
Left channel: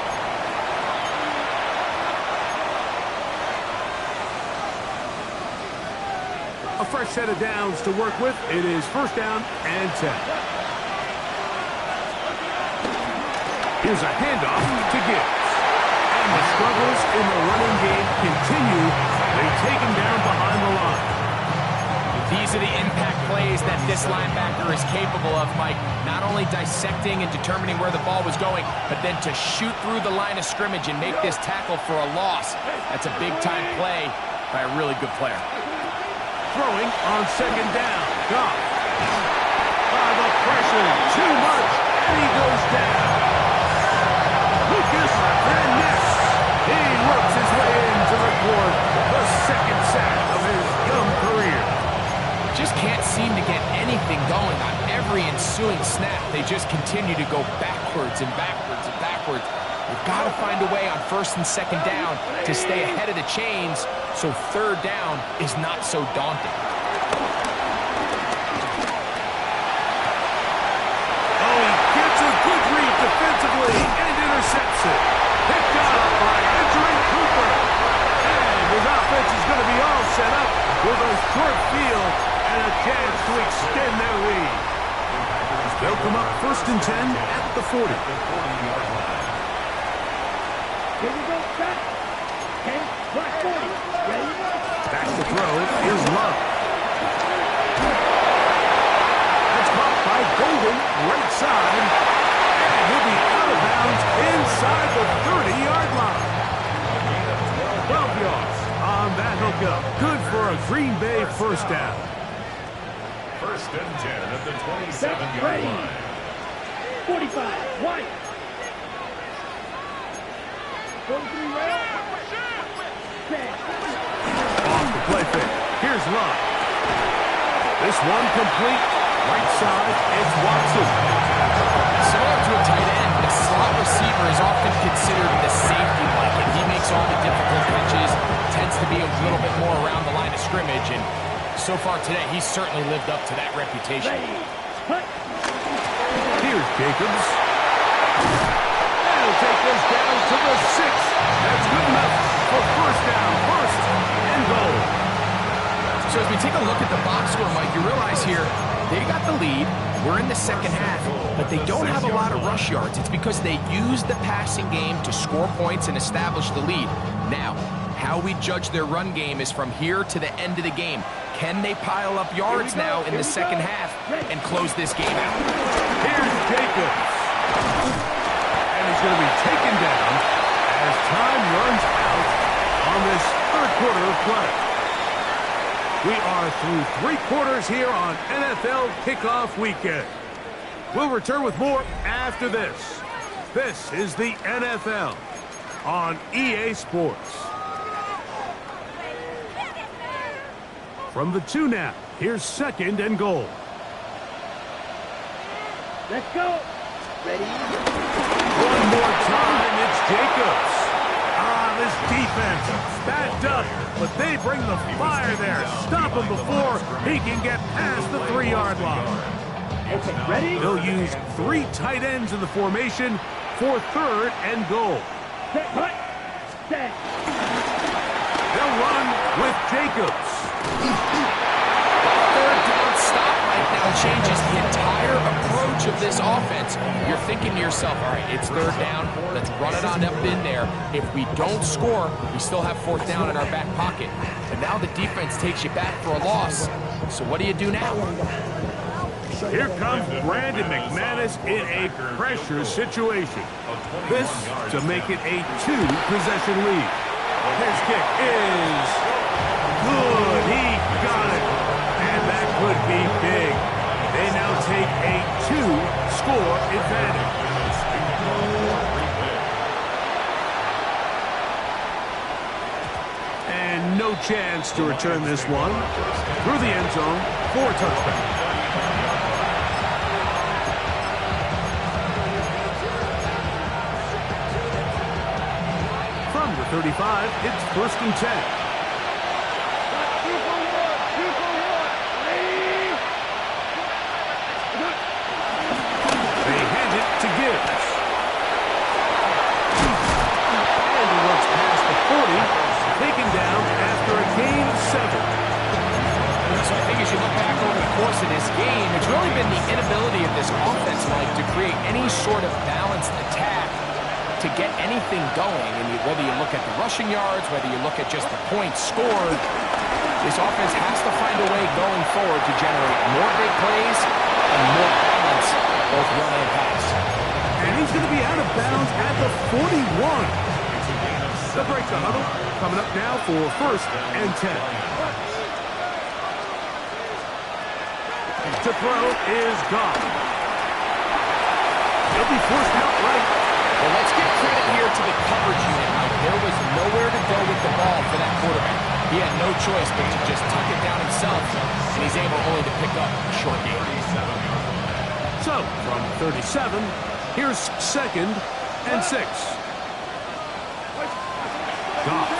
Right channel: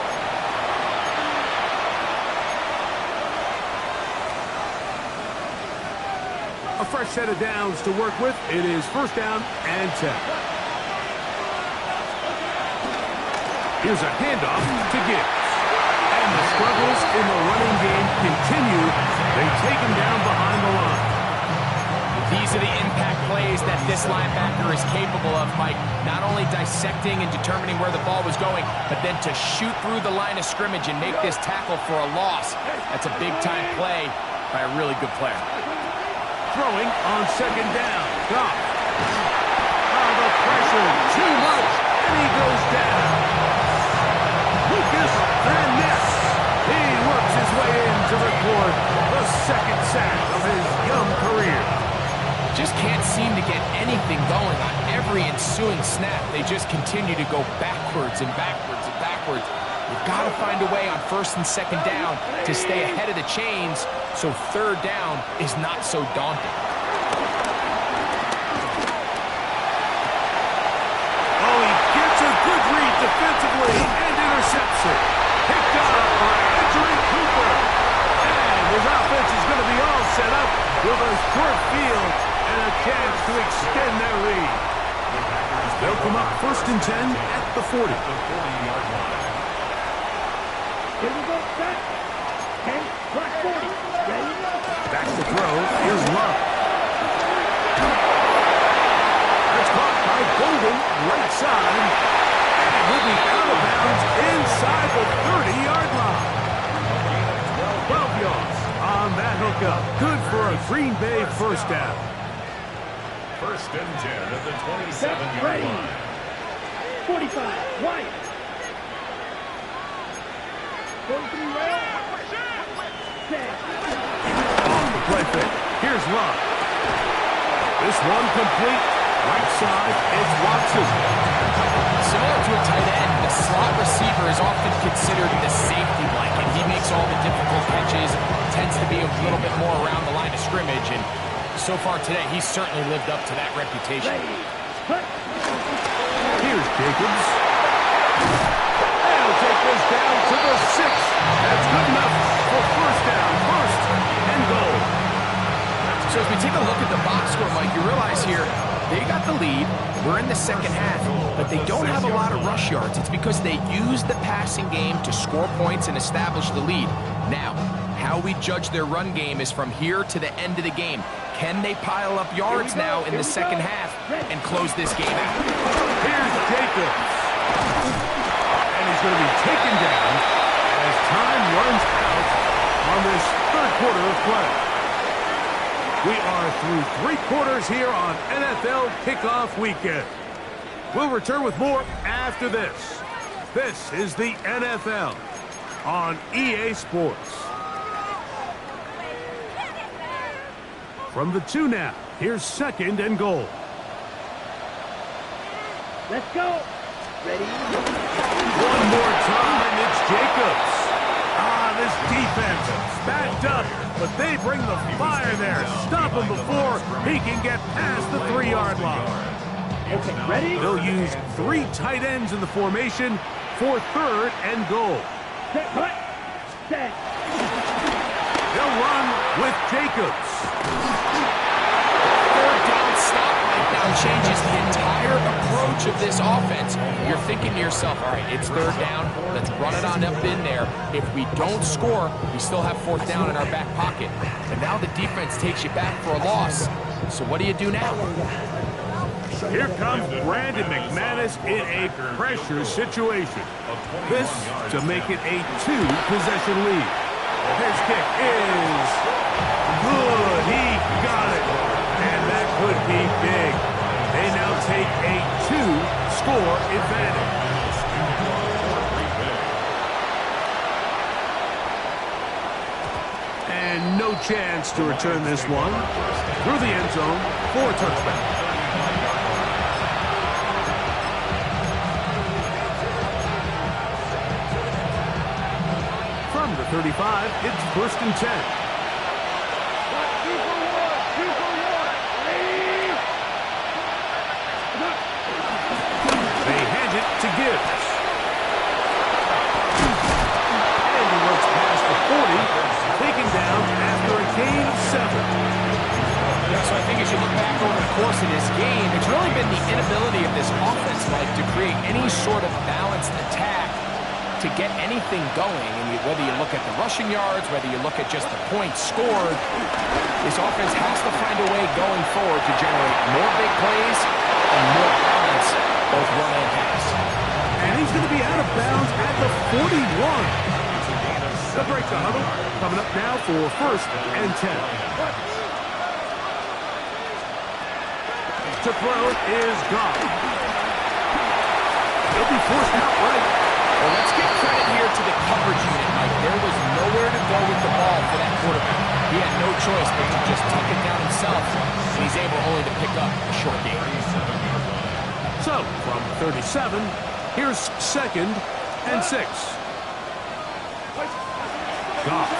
A fresh set of downs to work with. It is first down and 10. Here's a handoff to Gibbs. And the struggles in the running game continue. They take him down behind the line. These are the impact plays that this linebacker is capable of, Mike. Not only dissecting and determining where the ball was going, but then to shoot through the line of scrimmage and make this tackle for a loss. That's a big-time play by a really good player. Throwing on second down. Goff. The pressure, too much, and he goes down. Lucas Van Ness. He works his way in to record the second sack of his young career. Just can't seem to get anything going on every ensuing snap. They just continue to go backwards and backwards and backwards. You've got to find a way on first and second down to stay ahead of the chains so third down is not so daunting. Oh, he gets a good read defensively and intercepts it. Picked up by Edgerrin Cooper. And his offense is going to be all set up with a short field and a chance to extend their lead. They'll come up first and 10 at the 40. Here we go, set. 10, black 40. Ready? Back to throw is Love. That's caught by Golden, right side. And he'll be out of bounds inside the 30-yard line. 12 yards on that hookup. Good for a Green Bay first down. First and 10 at the 27-yard line. 45, white. 43 rail. Set. Off the play fake. Here's Love. This one complete. Right side, it's Watson. Similar to a tight end, the slot receiver is often considered the safety blanket. He makes all the difficult catches, tends to be a little bit more around the line of scrimmage, and so far today, he's certainly lived up to that reputation. Here's Jacobs. They'll take this down to the 6. That's good enough for first down, first and goal. So as we take a look at the box score, Mike, you realize here, they got the lead. We're in the second half, but they don't have a lot of rush yards. It's because they use the passing game to score points and establish the lead. Now, how we judge their run game is from here to the end of the game. Can they pile up yards now in the second half and close this game out? Here's Jacobs. And he's going to be taken down as time runs out on this third quarter of play. We are through 3 quarters here on NFL Kickoff Weekend. We'll return with more after this. This is the NFL on EA Sports. From the 2 now, here's second and goal. Let's go. Ready? One more time, it's Jacobs. This defense backed up, but they bring the fire there. Stop him before he can get past the 3-yard line. Okay, ready? They'll use 3 tight ends in the formation for third and goal. Set, cut. Set. They'll run with Jacobs. Third down stop right now changes the entire approach of this offense. You're thinking to yourself, all right, it's third down. Let's run it on up in there. If we don't score, we still have fourth down in our back pocket. But now the defense takes you back for a loss. So what do you do now? Here comes Brandon McManus in a pressure situation. This to make it a 2-possession lead. His kick is good. He got it. And that could be big. They now take a 2-score advantage. And no chance to return this one through the end zone for a touchdown. From the 35, it's first and 10. They hand it to Gibbs. And he works past the 40, taken down after a gain of 7. So I think as you look back over the course of this game, it's really been the inability of this offense, Mike, to create any sort of balanced attack to get anything going. And whether you look at the rushing yards, whether you look at just the points scored, this offense has to find a way going forward to generate more big plays and more balance, both run and pass. And he's going to be out of bounds at the 41. They'll break the huddle. Coming up now for first and 10. To throw is gone. He'll be forced outright. Well, let's give credit here to the coverage unit, Mike. There was nowhere to go with the ball for that quarterback. He had no choice but to just tuck it down himself, and he's able only to pick up a short gain. So, from 37, here's second and 6. Goff.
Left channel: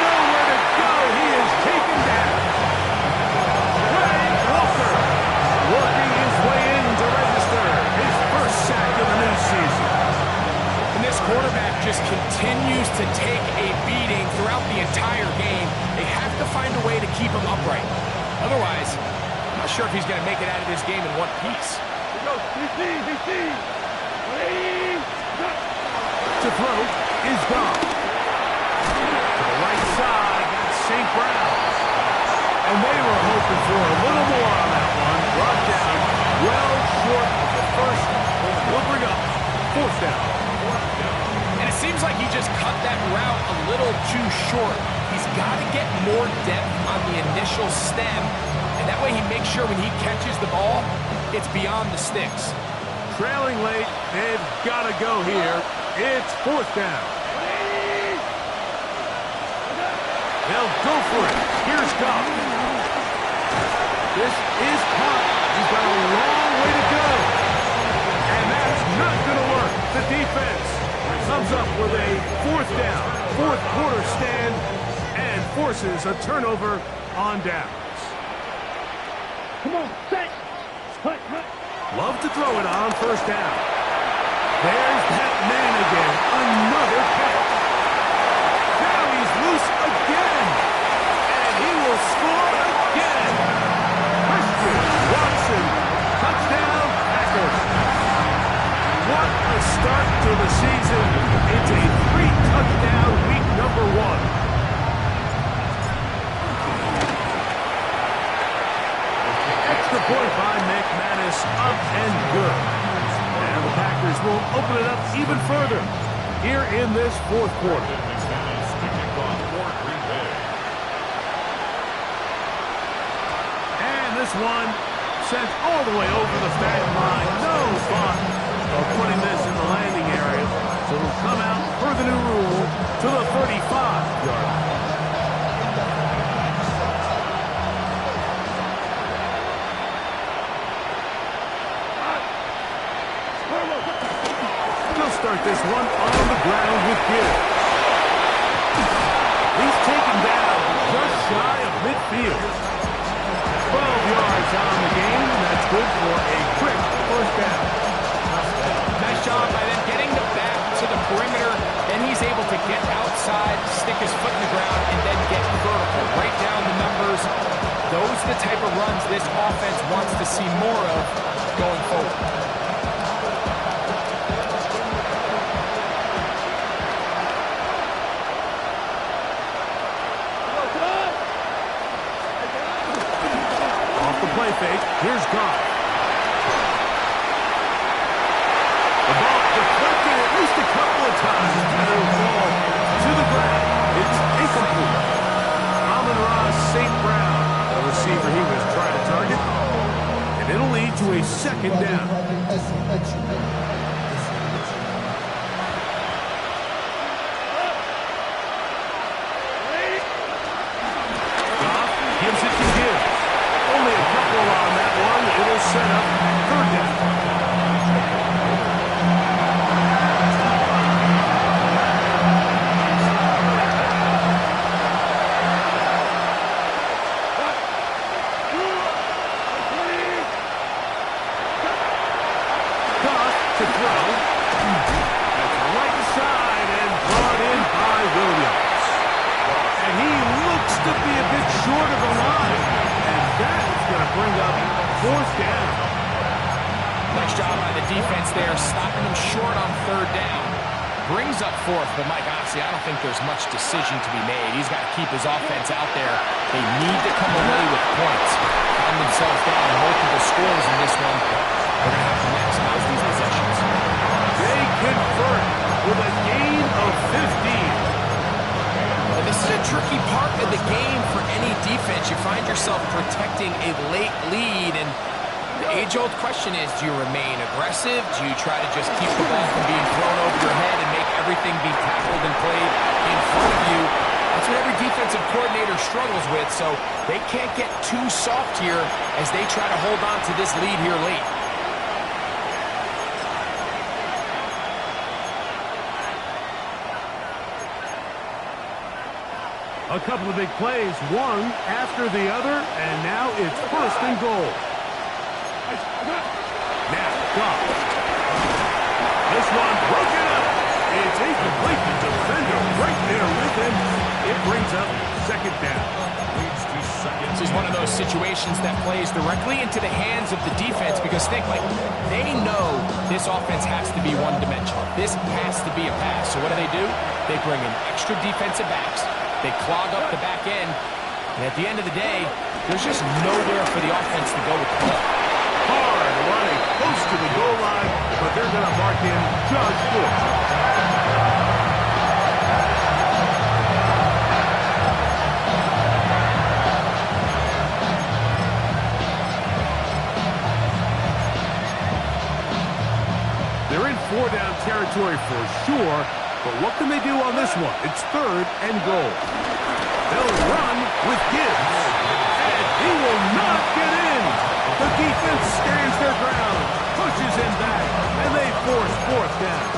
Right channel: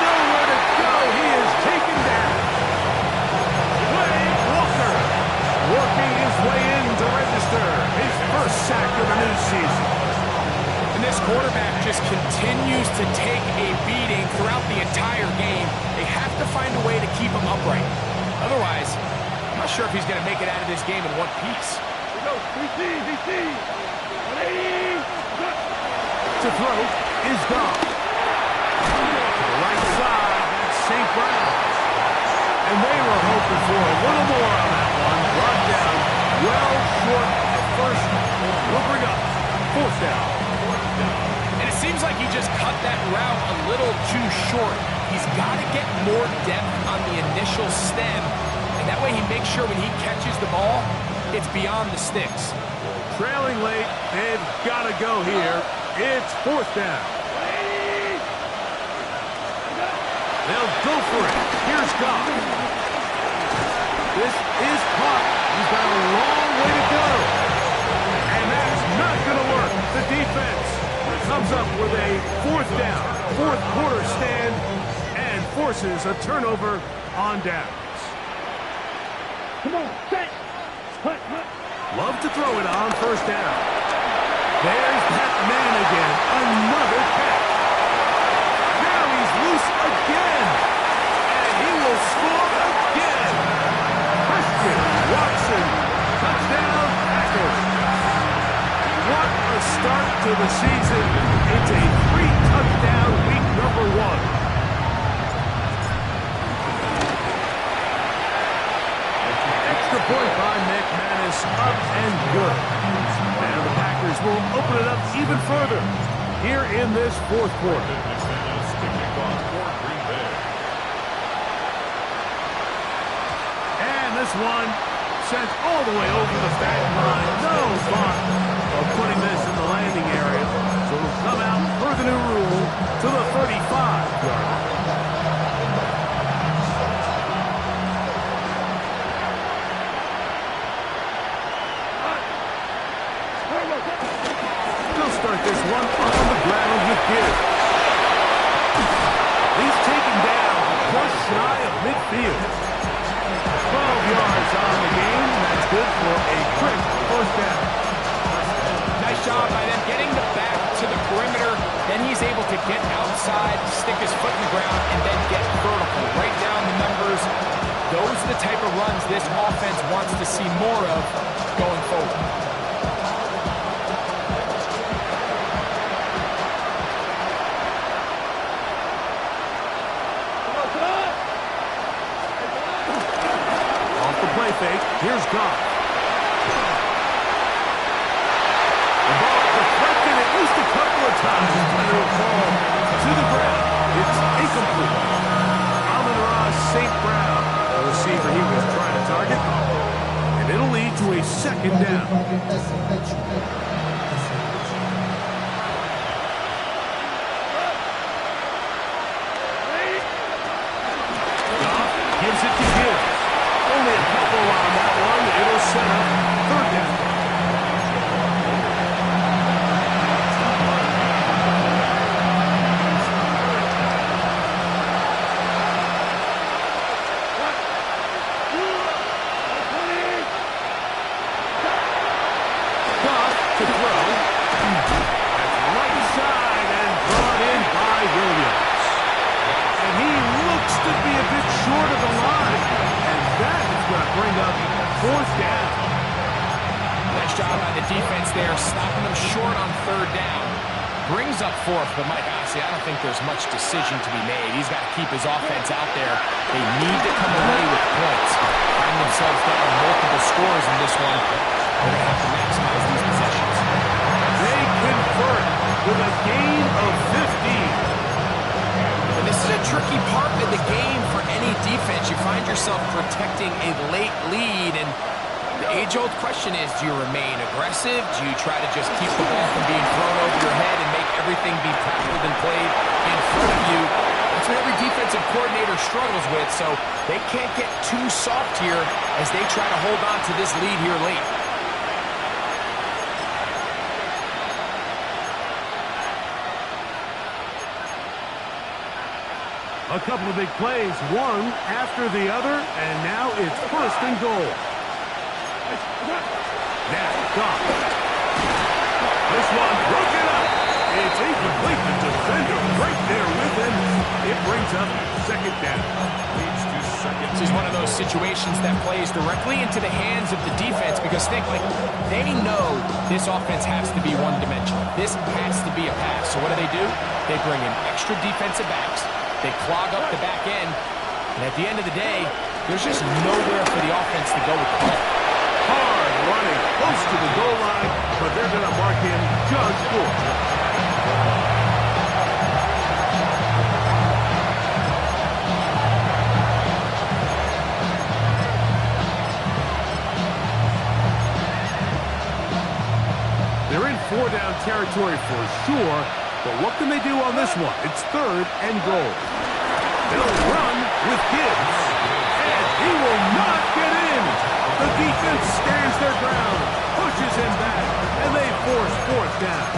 Nowhere to go. He is taken down. Wade Walker working his way in to register his first sack of the new season. And this quarterback just continues to take a beating throughout the entire game. They have to find a way to keep him upright. Otherwise, I'm not sure if he's going to make it out of this game in one piece. To throw is gone. To the right side, that's St. Brown's. And they were hoping for a little more on that one. Brought down well short of the first. Will bring up fourth down. And it seems like he just cut that route a little too short. He's got to get more depth on the initial stem and that way he makes sure when he catches the ball, it's beyond the sticks. Trailing late, they've got to go here. It's 4th down. They'll go for it. Here's Goff. This is caught. He's got a long way to go. And that's not going to work. The defense comes up with a 4th down, 4th quarter stand, and forces a turnover on downs. Come on, set. Hut, hut. Love to throw it on 1st down. There's that man again. Another catch. Now he's loose again. And he will score again. Christian Watson. Touchdown, Packers. What a start to the season. It's a 3-touchdown week number 1. Extra point by McManus, up and good. And the Packers will open it up even further here in this 4th quarter. McManus to kick off for Green Bay. And this one sent all the way over the back line. No thought of putting this in the landing area. So it'll come out per the new rule to the 35-yard line. They'll start this one on the ground with Gibbs. He's taken down just shy of midfield. 12 yards on the game. That's good for a quick 1st down. Nice job by them getting the back to the perimeter. Then he's able to get outside, stick his foot in the ground, and then get vertical. Right down the numbers. Those are the type of runs this offense wants to see more of going forward. Off the play fake, here's Goff. The ball deflected at least a couple of times, and it'll fall to the ground. It's incomplete. Amon-Ra St. Brown, the receiver he was trying to target, and it'll lead to a 2nd down. Goff gives it to Gibbs. Only a couple on that one. It'll set up 3rd down. Goff to throw. That's right side and brought in by Williams. And he looks to be a bit short of the line. And that is going to bring up 4th down. Nice job by the defense there, stopping them short on 3rd down. Brings up 4th, but Mike, honestly, I don't think there's much decision to be made. He's got to keep his offense out there. They need to come away with points. Find themselves down multiple scores in this one. They're going to have to maximize these possessions. They convert with a gain of 15. And this is a tricky part of the game for any defense. You find yourself protecting a late lead, and the age-old question is, do you remain aggressive? Do you try to just keep the ball from being thrown over your head and make everything be tackled and played in front of you? That's what every defensive coordinator struggles with, so they can't get too soft here as they try to hold on to this lead here late. A couple of big plays, one after the other, and now it's 1st and goal. Now, Goff. This one broken up. It's incomplete. The defender right there with him. It brings up 2nd down. Leads to 2nd. This is one of those situations that plays directly into the hands of the defense because think, like, they know this offense has to be one-dimensional. This has to be a pass. So what do? They bring in extra defensive backs. They clog up the back end. And at the end of the day, there's just nowhere for the offense to go with the ball. Hard running close to the goal line, but they're going to mark him just short. territory for sure, but what can they do on this one? It's 3rd and goal. They'll run with Gibbs, and he will not get in. The defense stands their ground, pushes him back, and they force 4th down.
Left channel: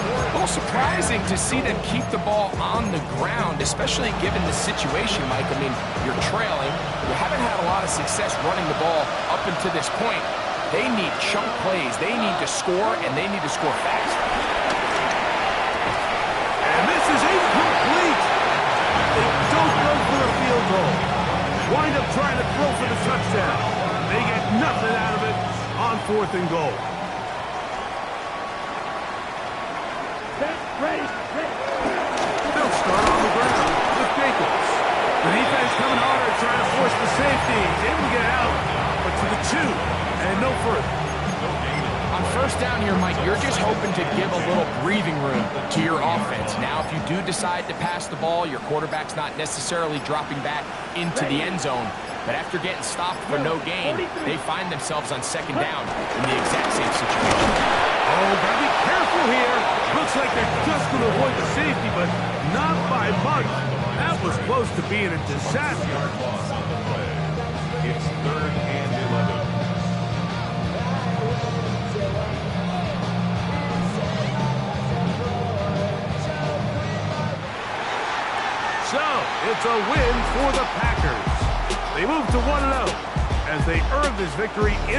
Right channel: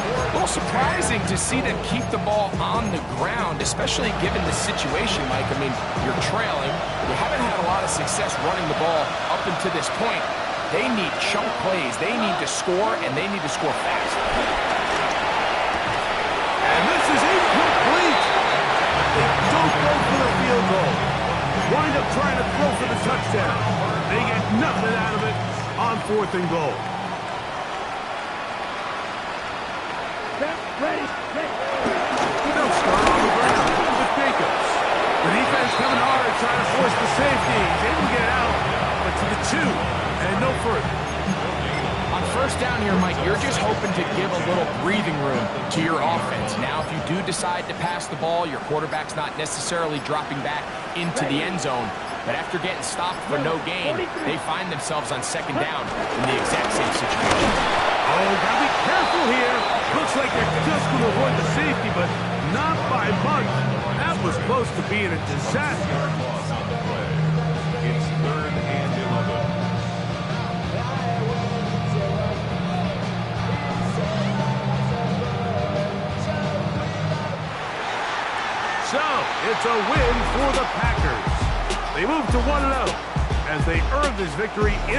A little surprising to see them keep the ball on the ground, especially given the situation, Mike. I mean, you're trailing. You haven't had a lot of success running the ball up until this point. They need chunk plays. They need to score, and they need to score fast. And this is incomplete. They don't go for the field goal. Wind up trying to throw for the touchdown. They get nothing out of it on 4th and goal. Ready. They'll start on the ground with Jacobs. The defense coming hard, trying to force the safety. He's able to get it out, but to the 2 and no further. On 1st down here, Mike, you're just hoping to give a little breathing room to your offense. Now, if you do decide to pass the ball, your quarterback's not necessarily dropping back into the end zone. But after getting stopped for no gain, they find themselves on 2nd down in the exact same situation. Oh, gotta be careful here. Looks like they're just going to avoid the safety, but not by much. That was close to being a disaster. Loss on the play. It's 3rd and 11. So, it's a win for the Packers. They move to 1-0 as they earn this victory in